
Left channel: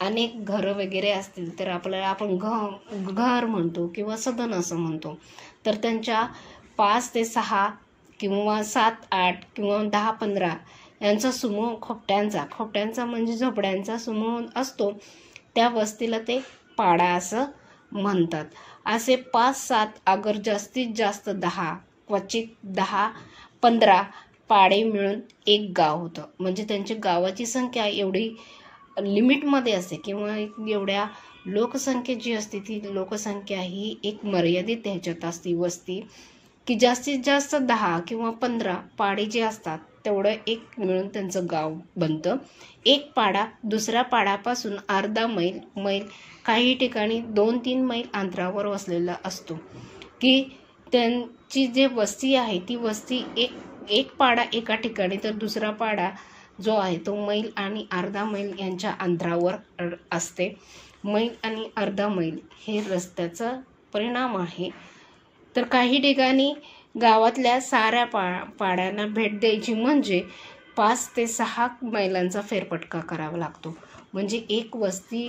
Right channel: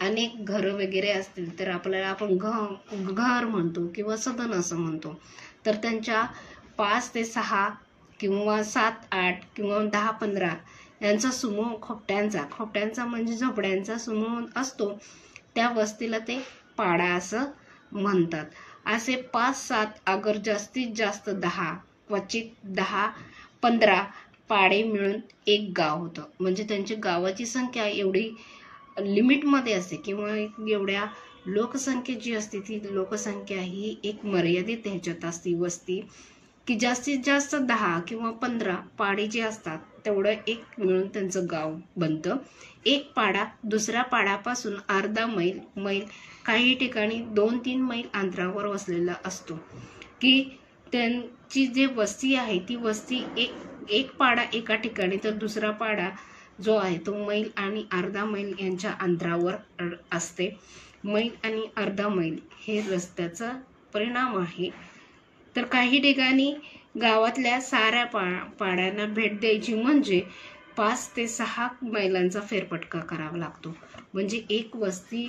अनेक घरं वगैरे असतील तर आपल्याला आपण घर म्हणतो किंवा सदन असं म्हणतो. तर त्यांच्या 5 ते 6 किंवा 7, 8 किंवा 10, 15 यांचा समूह खोपट्यांचा म्हणजे झोपड्यांचा समूह असतो. त्या वस्तीला ते पाडा असं म्हणतात. असे 5, 7 अगर जास्तीत जास्त 10 क्वचित 10, 15 पाडे मिळून एक गाव होतं. म्हणजे त्यांची गावाची संख्या एवढी लिमिटमध्ये असते किंवा एवढ्या लोकसंख्या जी असते ती लोकसंख्या ही एक मर्यादित ह्याच्यात असते वस्ती की जास्तीत जास्त 10 किंवा 15 पाडे जे असतात तेवढं एक मिळून त्यांचं गाव बनतं. एक पाडा दुसऱ्या पाड्यापासून अर्धा मैल काही ठिकाणी 2-3 मैल अंतरावर वसलेला असतो. की त्यांची जे वस्ती आहे ती वस्ती एक पाडा एका ठिकाणी तर दुसरा पाडा जो आहे तो मैल आणि अर्धा मैल यांच्या अंतरावर असते. मैल आणि अर्धा मैल हे रस्त्याचा परिणाम आहे. तर काही ठिकाणी गावातल्या साऱ्या पाड्यांना भेट द्यायची म्हणजे 5 ते 6 मैलांचा फेरफटका करावा लागतो. म्हणजे एक वस्ती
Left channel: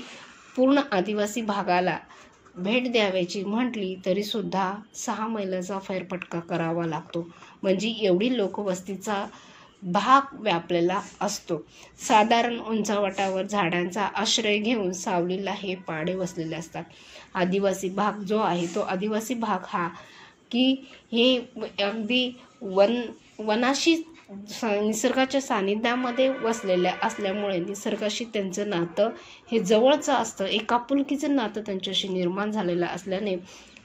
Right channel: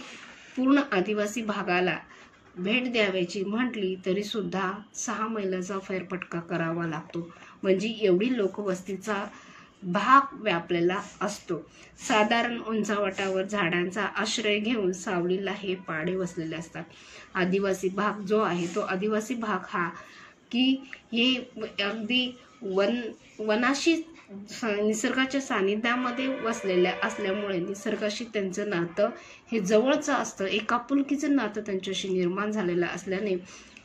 पूर्ण आदिवासी भागाला भेट द्यावायची म्हटली तरी सुद्धा 6 मैलाचा फेरफटका करावा लागतो. म्हणजे एवढी लोकवस्तीचा भाग व्यापलेला असतो. साधारण उंचावटावर झाडांचा आश्रय घेऊन सावलीला हे पाडे वसलेले असतात. आदिवासी भाग जो आहे तो आदिवासी भाग हा की हे अगदी वनाशी निसर्गाच्या सानिध्यामध्ये वसलेल्या असल्यामुळे निसर्गाशी त्यांचं नातं हे जवळचं असतं. एक आपुलकीचं नातं त्यांच्याशी निर्माण झालेलं असल्याने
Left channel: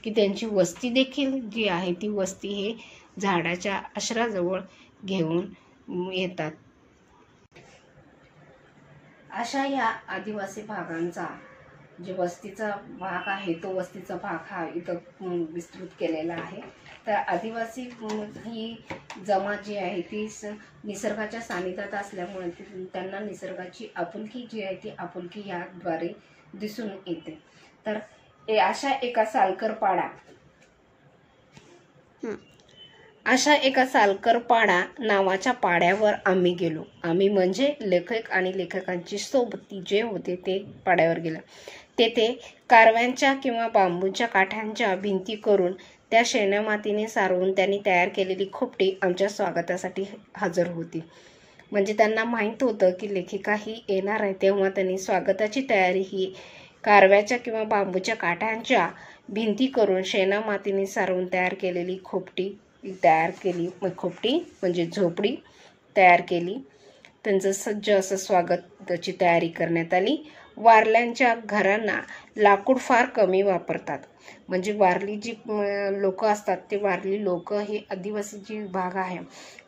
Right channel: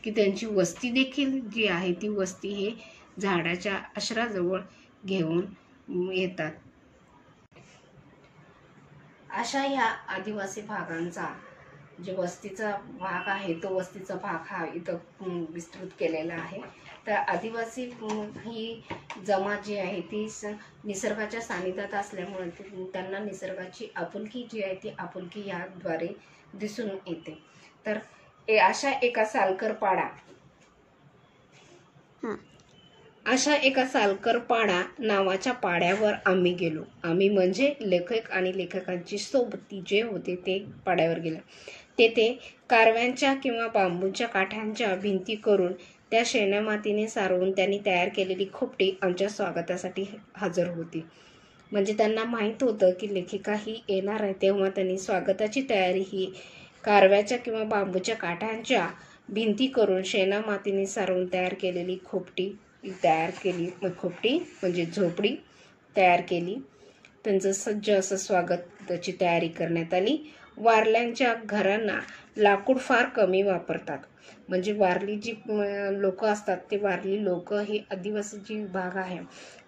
की त्यांची वस्ती देखील जी आहे ती वस्ती हे झाडाच्या आश्रयाजवळ घेऊन येतात. अशा या आदिवासी भागांचा जे वस्तीचा भाग आहे तो वस्तीचा भाग हा इथं विस्तृत केलेला आहे. तर आदिवासी ही जमात जी आहे ती निसर्गाच्या सानिध्यात असल्यामुळे त्यांना निसर्गाची आपुलकी जी आहे ती आपुलकी याद्वारे दिसून येते. तर अशा एका सालकर पाडा नावाच्या पाड्यावर आम्ही गेलो. आम्ही म्हणजे लेखक आणि लेखकांची सोबती जे होते ते पाड्यावर गेलं. तेथे कारव्यांच्या किंवा बांबूच्या काठ्यांच्या भिंती करून त्या शेणामातीने सारवून त्यांनी तयार केलेली खोपटी आमच्या स्वागतासाठी हजर होती. म्हणजे त्यांना माहीत होतं की लेखिका ही येणार आहे, तेव्हा त्यांनी स्वागताची तयारी ही कारव्याच्या किंवा बांबूच्या काठ्यांच्या भिंती करून शेणामातीने सारवून तयार केलेली खोपटी खोपटी म्हणजे झोपडी तयार केली. त्यांचं सज्ज असं स्वागताची तयारी करण्यात आली. वारल्यांच्या घरांना लाकूड फार कमी वापरतात. म्हणजे वारली जी लोक असतात ते वारली लोक हे आदिवासी जी भाग आहे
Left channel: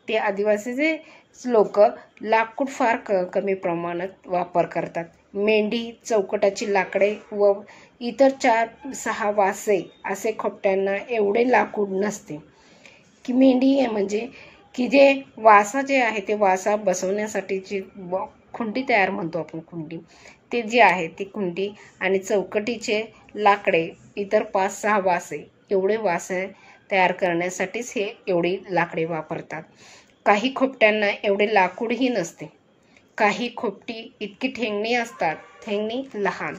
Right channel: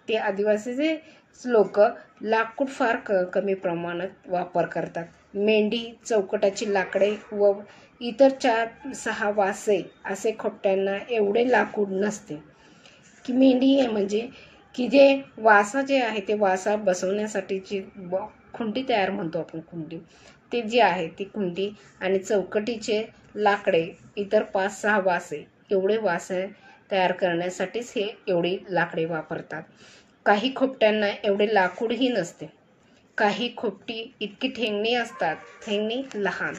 ते आदिवासीचे लोक लाकूड फार कमी प्रमाणात वापर करतात. मेंढी, चौकटाची लाकडे व इतर 4-6 वासे असे खोपट्यांना एवढे लाकूड नसते. की मेंढी म्हणजे की जे वासा जे आहे ते वासा बसवण्यासाठीची खुंटी तयार म्हणतो आपण खुंटी, ते जे आहे ती खुंटी आणि चौकटीचे लाकडे इतर 5-6 वासे एवढे वासे तयार करण्यासाठीच हे एवढी लाकडे वापरतात. काही खोपट्यांना एवढे लाकूडही नसते. काही खोपटी इतकी ठेंगणी असतात, ठेंगणी लहान,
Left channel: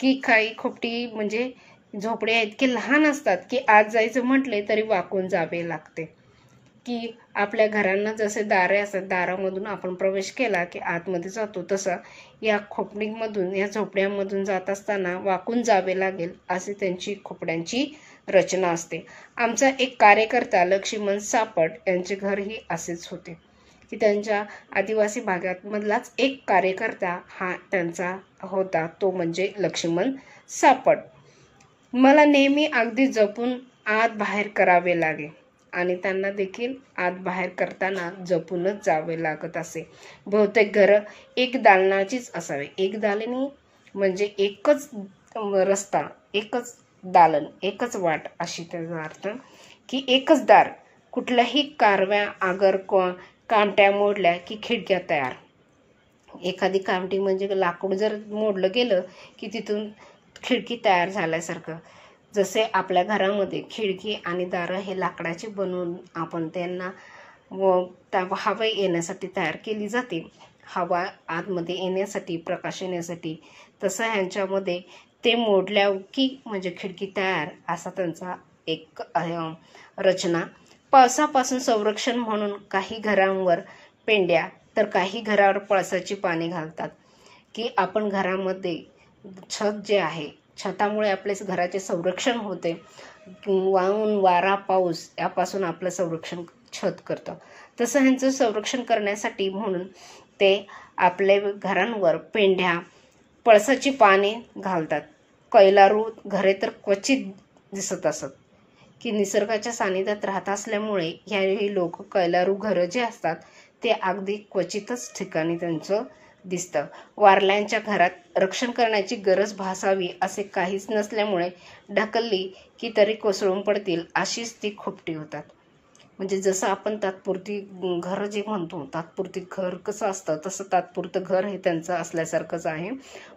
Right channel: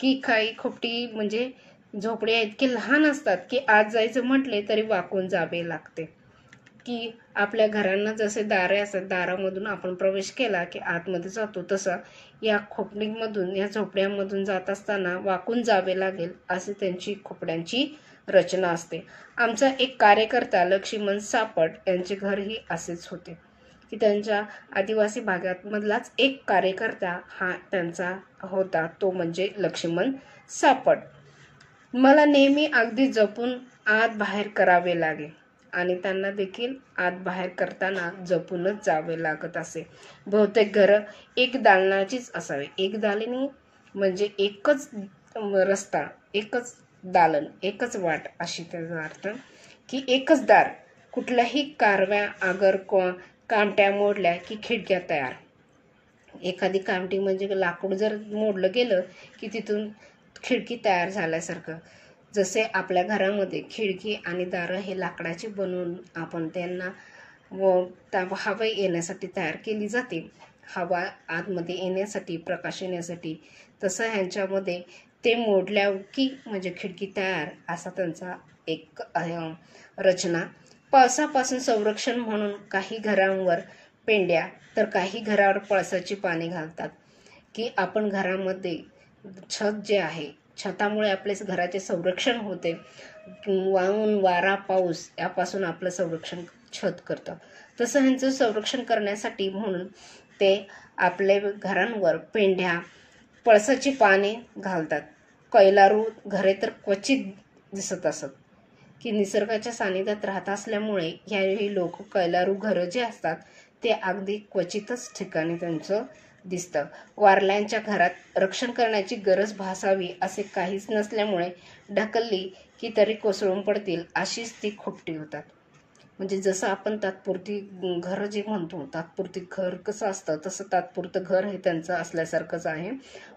की काही खोपटी म्हणजे झोपड्या इतके लहान असतात की आत जायचं म्हटले तरी वाकून जावे लागते. की आपल्या घरांना जसे दारे असतात, दारामधून आपण प्रवेश केला की आतमध्ये जातो, तसं या खोपडीमधून, या झोपड्यांमधून जात असताना वाकून जावे लागेल अशी त्यांची खोपड्यांची रचना असते. आमचा एक कार्यकर्ता लक्ष्मण सापट यांचे घरही असेच होते, की त्यांच्या आदिवासी भागामधलाच एक कार्यकर्ता हा त्यांचा होता, तो म्हणजे लक्ष्मण सापट. मला नेहमी अगदी जपून आत बाहेर करावे लागे आणि त्यांना देखील आत बाहेर करताना जपूनच जावे लागत असे. बहुतेक घरं एक दालनाचीच असावी. एक दालनी म्हणजे एकच रस्ता, एकच दालन, एकच वाट अशी त्याचा अर्थ, की एकच दार. कुठल्याही कारव्या आगर कामट्या मोडल्या की खिडक्या तयार. एखादी कामटी म्हणजे लाकूड जर मोडलं गेलं की तिथून खिडकी तयार झाल्यासारखं. जसे आपल्या घरामध्ये खिडकी आणि दारं हे लाकडाची बनवून आपण त्यांना हवा येण्यासाठी तयार केली जाते, हवा आतमध्ये येण्यासाठी, प्रकाश येण्यासाठी, तसं ह्यांच्यामध्ये ते मोडल्या की म्हणजे खिडकी तयार असा त्यांचा एक रचना. पावसापासून संरक्षण म्हणून काही घरांवर पेंड्या तर काही घरावर पळसाची पाने घालतात, की आपण घरामध्ये छत जे आहे, छतामुळे आपल्या घराचे संरक्षण होते. ऊन वारा पाऊस यापासून आपलं संरक्षण छत करतं. तसं ह्यांचं संरक्षण करण्यासाठी म्हणून ते आपल्या घरांवर पेंढ्या, पळसाची पाने घालतात. कैलारू घरे तर क्वचित दिसत असत, की निसर्गाच्या सानिध्यात राहत असल्यामुळे ह्याही लोक कैलारू घरं जे असतात ते अगदी क्वचितच ठिकाणी त्यांचं दिसतं. वारल्यांच्या घरात रक्षण करण्याची गरज भासावी असे काहीच नसल्यामुळे ढकलली की तरी कोसळून पडतील अशीच ती खोपटी होतात. म्हणजे जसं आपण तात्पुरती घर जे म्हणतो, तात्पुरती घर कसं असतं तसं तात्पुरतं घर हे त्यांचं असल्यासारखंच आहे.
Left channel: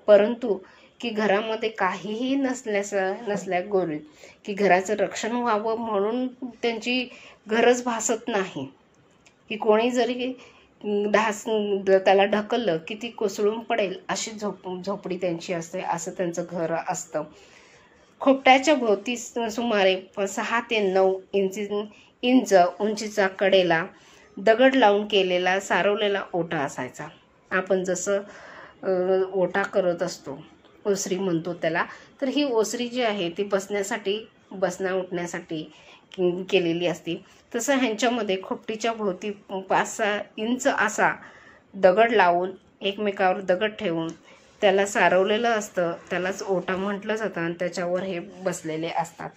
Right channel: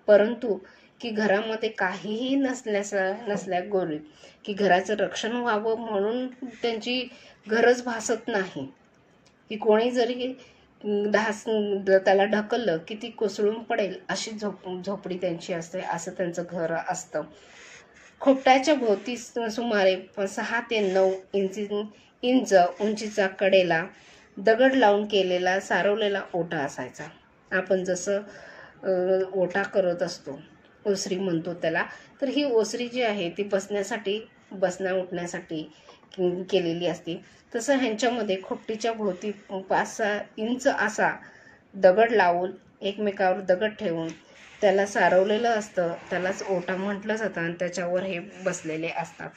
परंतु की घरामध्ये काहीही नसल्या गोरीत की घराचं रक्षण व्हावं म्हणून त्यांची गरज भासत नाही, की कोणी जरी त्याला ढकललं की ती कोसळून पडेल अशी झोपडी त्यांची असते, असं त्यांचं घर असतं. खोपट्याच्या भोवती सुमारे 6 ते 9 इंच उंचीचा कडेला दगड लावून केलेला सारवलेला ओटा असायचा. आपण जसं ओटा करत असतो, ओसरी म्हणतो त्याला, तर ही ओसरी जी आहे ती बसण्यासाठी, बसण्या उठण्यासाठी केलेली असते. तसं ह्यांच्यामध्ये खोपटीच्या भोवती 5-6 इंच असा दगड लावून, एकमेकावर दगड ठेवून त्याला सारवलेलं असतं, त्यालाच ओटा म्हटलं जातं आणि त्याच्यावर हे बसलेले असतात.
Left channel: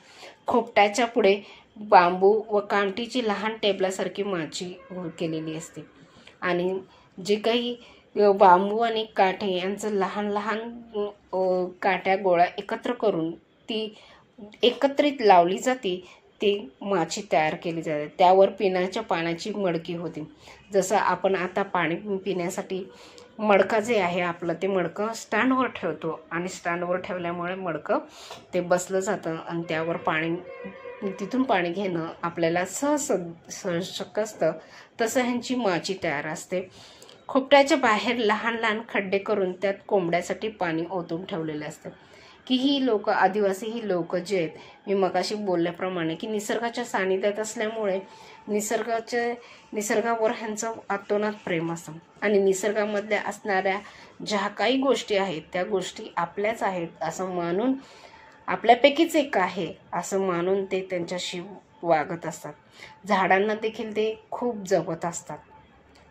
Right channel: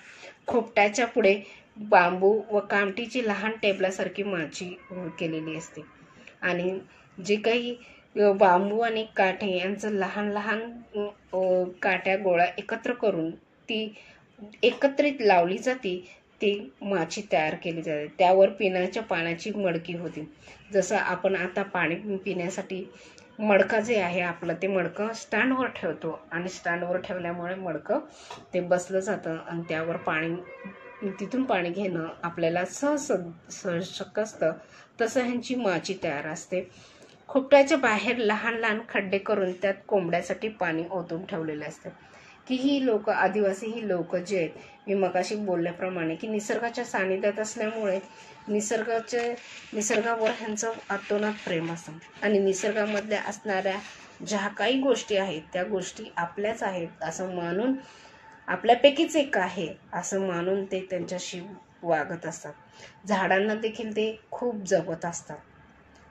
खोपट्याच्या पुढे बांबू व कामटीची लहान टेबलासारखी माची केलेली असते आणि जे काही बांबू आणि काठे यांचं लहान लहान काट्या गोळा एकत्र करून ती एकत्रित लावली जाते, ती माची तयार केली जाते. त्यावर पिण्याच्या पाण्याची मडकी होती. जसं आपण आता पाणी पिण्यासाठी मडका जे आहे आपलं, ते मडकं स्टँडवर ठेवतो आणि स्टँडवर ठेवल्यामुळे मडकं ते बसलं जातं आणि त्यावर पाणी, तिथून पाणी घेणं आपल्याला शक्य असतं. तसं ह्यांची माची तयार असते. खोपट्याच्या बाहेर लहान लहान खड्डे करून त्यात कोंबड्यासाठी पाणी ओतून ठेवलेले असतात. की ही लोक, आदिवासी ही लोक जे आहेत, मी मगाशी बोलल्याप्रमाणे की निसर्गाच्या सानिध्यात असल्यामुळे निसर्गावर ह्यांचं अतोनात प्रेम असतं आणि निसर्गामधल्या असणाऱ्या ज्या काही गोष्टी आहेत त्या गोष्टी आपल्याच आहेत असं मानून, आपल्यापैकीच एक आहे असं मानून ते त्यांच्याशी वागत असतात. झाडांना देखील ते खूप जपत असतात.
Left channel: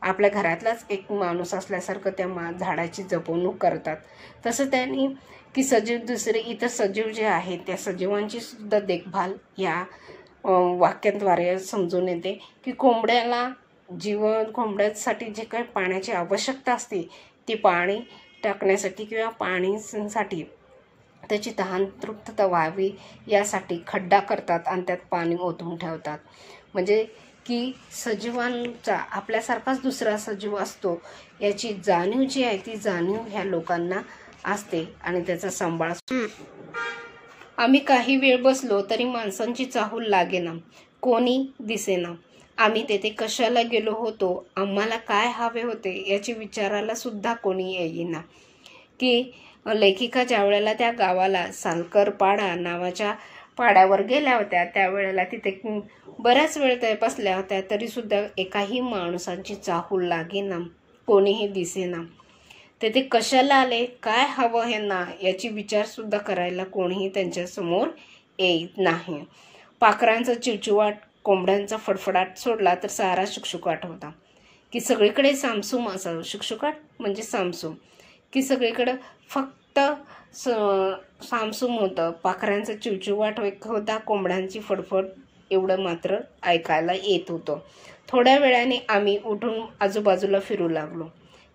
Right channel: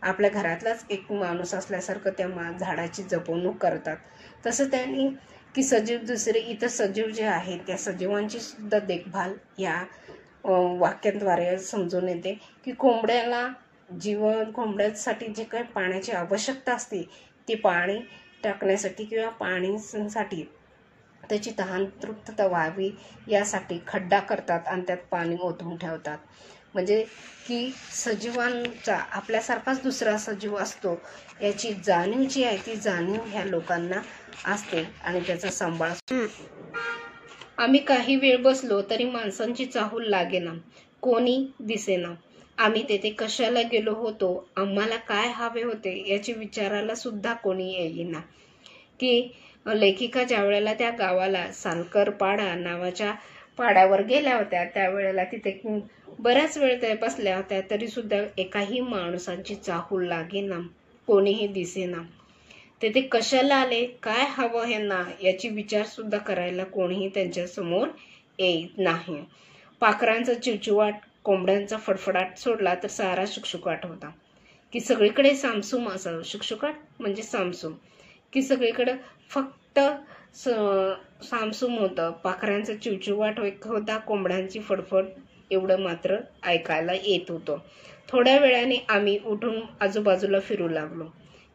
आपल्या घरातलाच एक माणूस असल्यासारखं त्या झाडाची जपवणूक करतात. तसं त्यांनी की सजीव, दुसरे इतर सजीव जे आहेत त्या सजीवांची सुद्धा देखभाल या वाक्यांद्वारे समजून येते. की कोंबड्यासाठी जे काही पाण्याची आवश्यकता असते ती पाणी टाकण्यासाठी किंवा पाणीसाठी त्याची तहान तृप्तता व्हावी यासाठी खड्डा करतात आणि त्यात पाणी ओतून ठेवतात. म्हणजे की सजीवांचा आपल्यासारखाच दुसरा सजीव असतो याची जाणीव जी आहे ती जाणीव ह्या लोकांना असते आणि त्याचा सांभाळ. आम्ही काही वेळ बसलो तरी माणसांची चाहूल लागेना, कोणी दिसेना. आम्ही तेथे कशाला गेलो होतो, आम्हाला काय हवे होते याची विचारायला सुद्धा कोणी येईना. ती लेखिका ज्या वेळेला त्या गावाला सालकर पाडा नावाच्या पाड्यावर गेल्या होत्या त्यावेळेला तिथे बऱ्याच वेळ त्या बसल्या होत्या, तरी सुद्धा एकाही माणसांची चाहूल लागेना, कोणीही दिसेना. तेथे कशाला आले, काय हवं हे ना याची विचार सुद्धा करायला कोणीही त्यांच्या समोर येत नाही. पाखरांचा चिवचिवाट, कोंबड्यांचा फडफडाट सोडला तर सारा शुकशुकाट होता. की सगळीकडे सामसूम असावं, शुकशुकाट म्हणजे सामसूम, की सगळीकडे फक्त सामसूम होतं. पाखरांचा चिवचिवाट होता, कोंबड्यांची फडफड एवढं मात्र ऐकायला येत होतं. थोड्या वेळाने आम्ही उठून आजूबाजूला फिरू लागलो.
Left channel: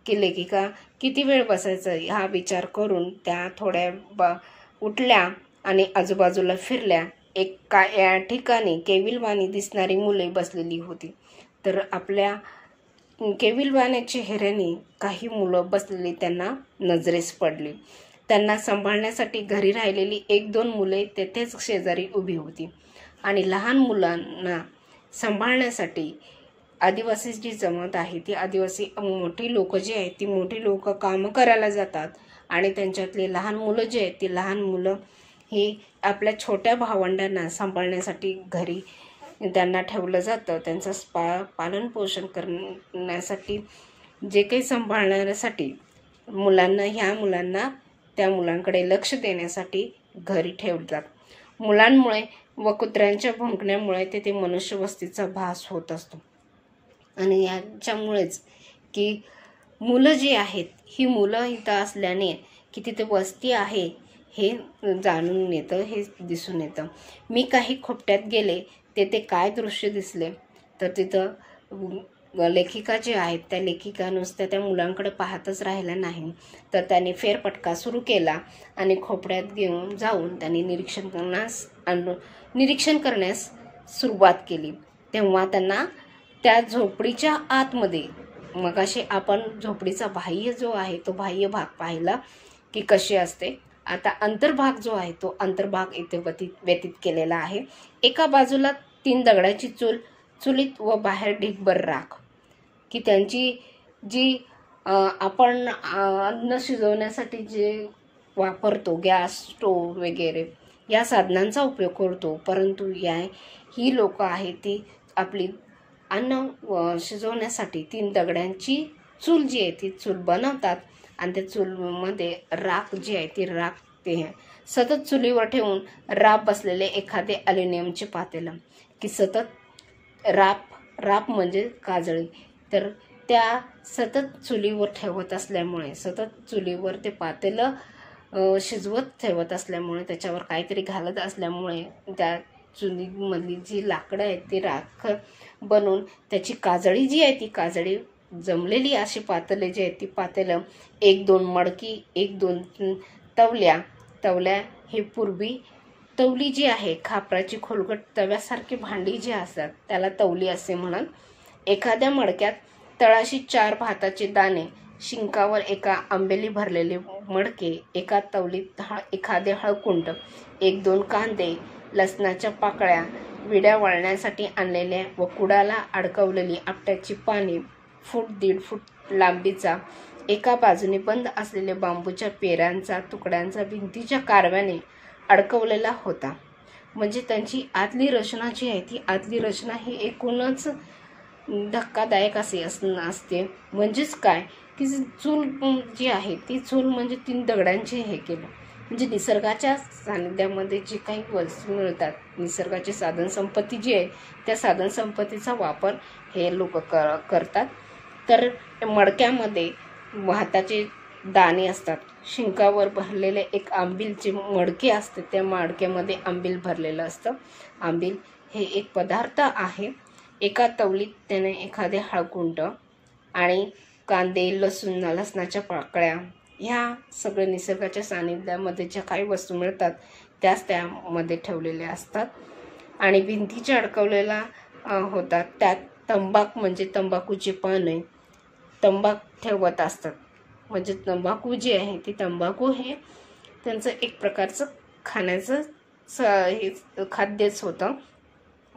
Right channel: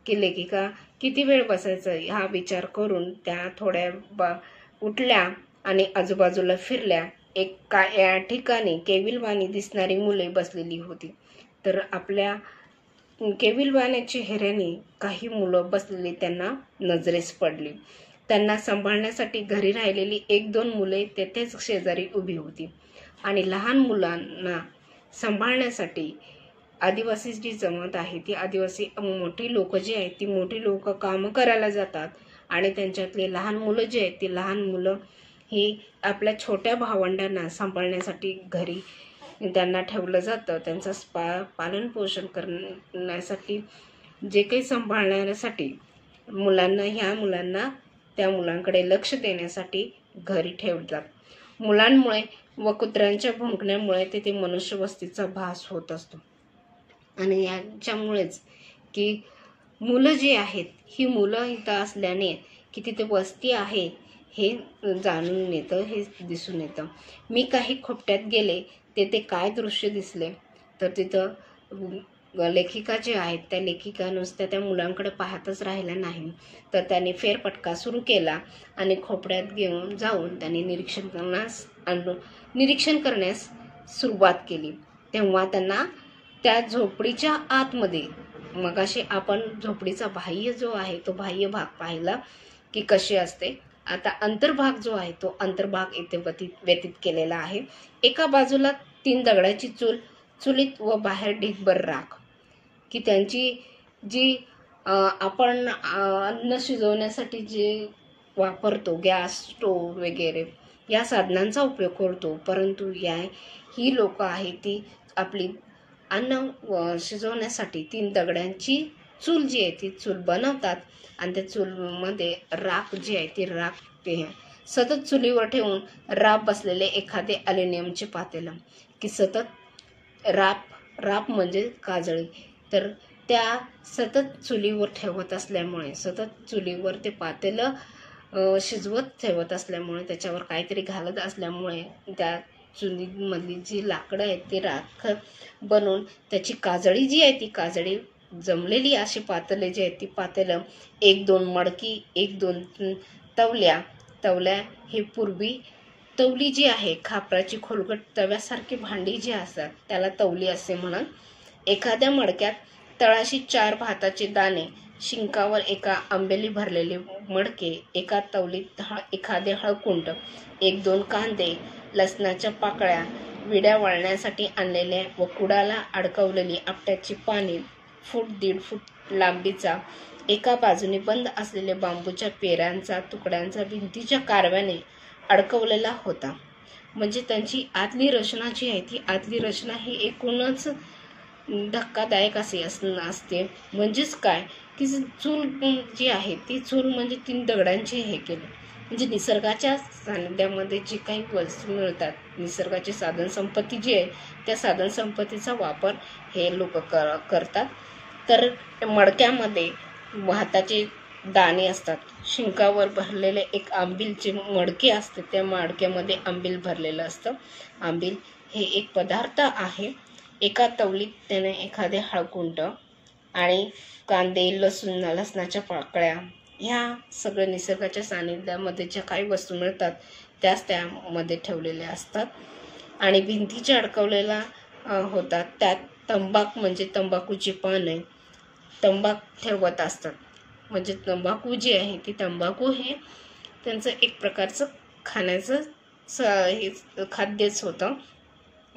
की लेखिका किती वेळ बसायचं हा विचार करून त्या थोड्या उठल्या आणि आजूबाजूला फिरल्या. या ठिकाणी केविलवाणी दिसणारी मुले बसलेली होती. तर आपल्या केविलवाण्या चेहऱ्याने काही मुलं बसलेली त्यांना नजरेस पडली. त्यांना सांभाळण्यासाठी घरी राहिलेली 1-2 मुले तेथेच शेजारी उभी होती. आणि लहान मुलांना सांभाळण्यासाठी आदिवासी जी जमात आहे ती आदिवासी मोठी लोक जी आहेत ती मोठी लोक कामं करायला जातात आणि त्यांच्यातले लहान मुलं जे आहेत ती लहान मुलं ही आपल्या छोट्या भावंडांना सांभाळण्यासाठी घरी त्यांना ठेवलं जातं. त्यांचं पालन पोषण करण्यासाठी जे काही सांभाळण्यासाठी ह्या मुलांना त्या मुलांकडे लक्ष देण्यासाठी घरी ठेवतात. मुलांमुळे व कुत्र्यांच्या भुंकण्यामुळे तेथे मनुष्यवस्तीचा भास होत असतो. आणि याच्यामुळेच की मुलं जी आहेत ही मुलं इथं असल्याने की तिथे वस्ती आहे हे जाणून येतं, हे दिसून येतं. मी काही खोपट्यात गेले तेथे काय दृश्य दिसले तर तिथं लेखिका जी आहेत त्या लेखिका नुसत्या त्या मुलांकडे पाहतच राहिल्या नाही, तर त्यांनी फेरफटका सुरू केला आणि खोपड्यात घेऊन जाऊन त्यांनी निरीक्षण करण्यास सुरुवात केली. तेव्हा त्यांना त्या झोपडीच्या आतमध्ये, मगाशी आपण झोपडीचा बाह्य जो आहे तो बाह्य भाग पाहिला की कशी असते, आता अंतर्भाग जो आहे तो अंतर्भाग इथे व्यतीत केलेला आहे. एका बाजूला 3 दगडाची चुलीत व बाहेर ढीगभर राख, की त्यांची जी आपण अन्न शिजवण्यासाठी जे वापरतो गॅस स्टोव वगैरे या साधनांचा उपयोग करतो, परंतु ही लोक आहेत ती आपली अन्न शिजवण्यासाठी 3 दगडांची चूल जी आहे ती चूल बनवतात आणि त्या चूलमध्ये राख जी आहे ती राख ते सतत चुलीवर ठेवून राप बसलेले एखादे ॲल्युमिनियमचे पातेलं, की सतत राप म्हणजे काजळी, तर त्या सतत चुलीवर ठेवत असल्यामुळे सतत चुलीवर ते पातेलं शिजवत ठेवत असल्यामुळे त्याच्यावर काहीतरी घालत असल्यामुळे त्या चुलीमधली जी लाकडं आहेत ती राख बनवून त्याची काजळी जी आहे ती काजळी जमलेली अशी पातेले जी आहेत ती पातेलं 1-2 मडकी 1-2 तवल्या हे पूर्वी तवली जी आहे खापराची खोलगट तव्यासारखी भांडी जी असतात त्याला तवली असे म्हणत. एखाद्या मडक्यात तळाशी 4 भाताचे दाणे, शिंकावर एका आंबेली भरलेले मडके, एका तवलीत एखादे हळकुंड, 1-2 कांदे, लसणाच्या पाकळ्या, विड्या वळण्यासाठी आणलेल्या व कुडाला अडकवलेली आपट्याची पाने, 1.5 फूट लांबीचा एका बाजूने बंद असलेल्या बांबूच्या पेरांचा तुकड्यांचा भिंतीच्या कारव्याने अडकवलेला होता. म्हणजे त्यांची आतली रचना जी आहे ती आतली रचना ही एकूणच धक्कादायक असे असते. म्हणजेच काय की चूल जी आहे ती चूल म्हणजे 3 दगडांचे हे केलं, म्हणजे निसर्गाच्या सानिध्यामध्ये जे काही वस्तू मिळतात, निसर्गाची साधनसंपत्ती जी आहे त्या साधनसंपत्तीचा वापर हे लोक करतात. तर मडक्यामध्ये भाताचे दाणे असतात, शिंकावर भरलेले एक आंबीलचे मडके असते, त्या मडक्यामध्ये आंबील भरलेलं असतं. आंबील हे एक पदार्थ आहे. एका तवलीत त्याने एखादे हळकुंड आणि कांदे, लसणाच्या पाकळ्या, ह्या सगळ्या निसर्गाच्या सानिध्यामध्ये ज्या काही वस्तू मिळतात त्याच त्यामध्ये ठेवलेल्या असतात. आणि भिंतीच्या अडकवलेला होतात. त्यात तंबाखू म्हणजे तंबाखूची पाने तंबाखू ठेवत असतात. म्हणजे तंबाखू जी आहे ती तंबाखू हे त्यांचं एक प्रकारचं खाण्याचं हे खाद्यच होतं.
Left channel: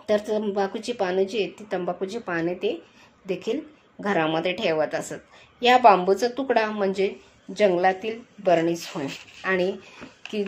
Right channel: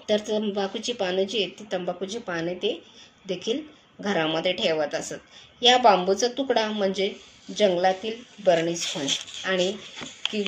तर तंबाखूची पानं जी आहेत ती तंबाखूची पाने ते देखील घरामध्ये ठेवत असत। या बांबूचा तुकडा म्हणजे जंगलातील बर्नीच होय आणि की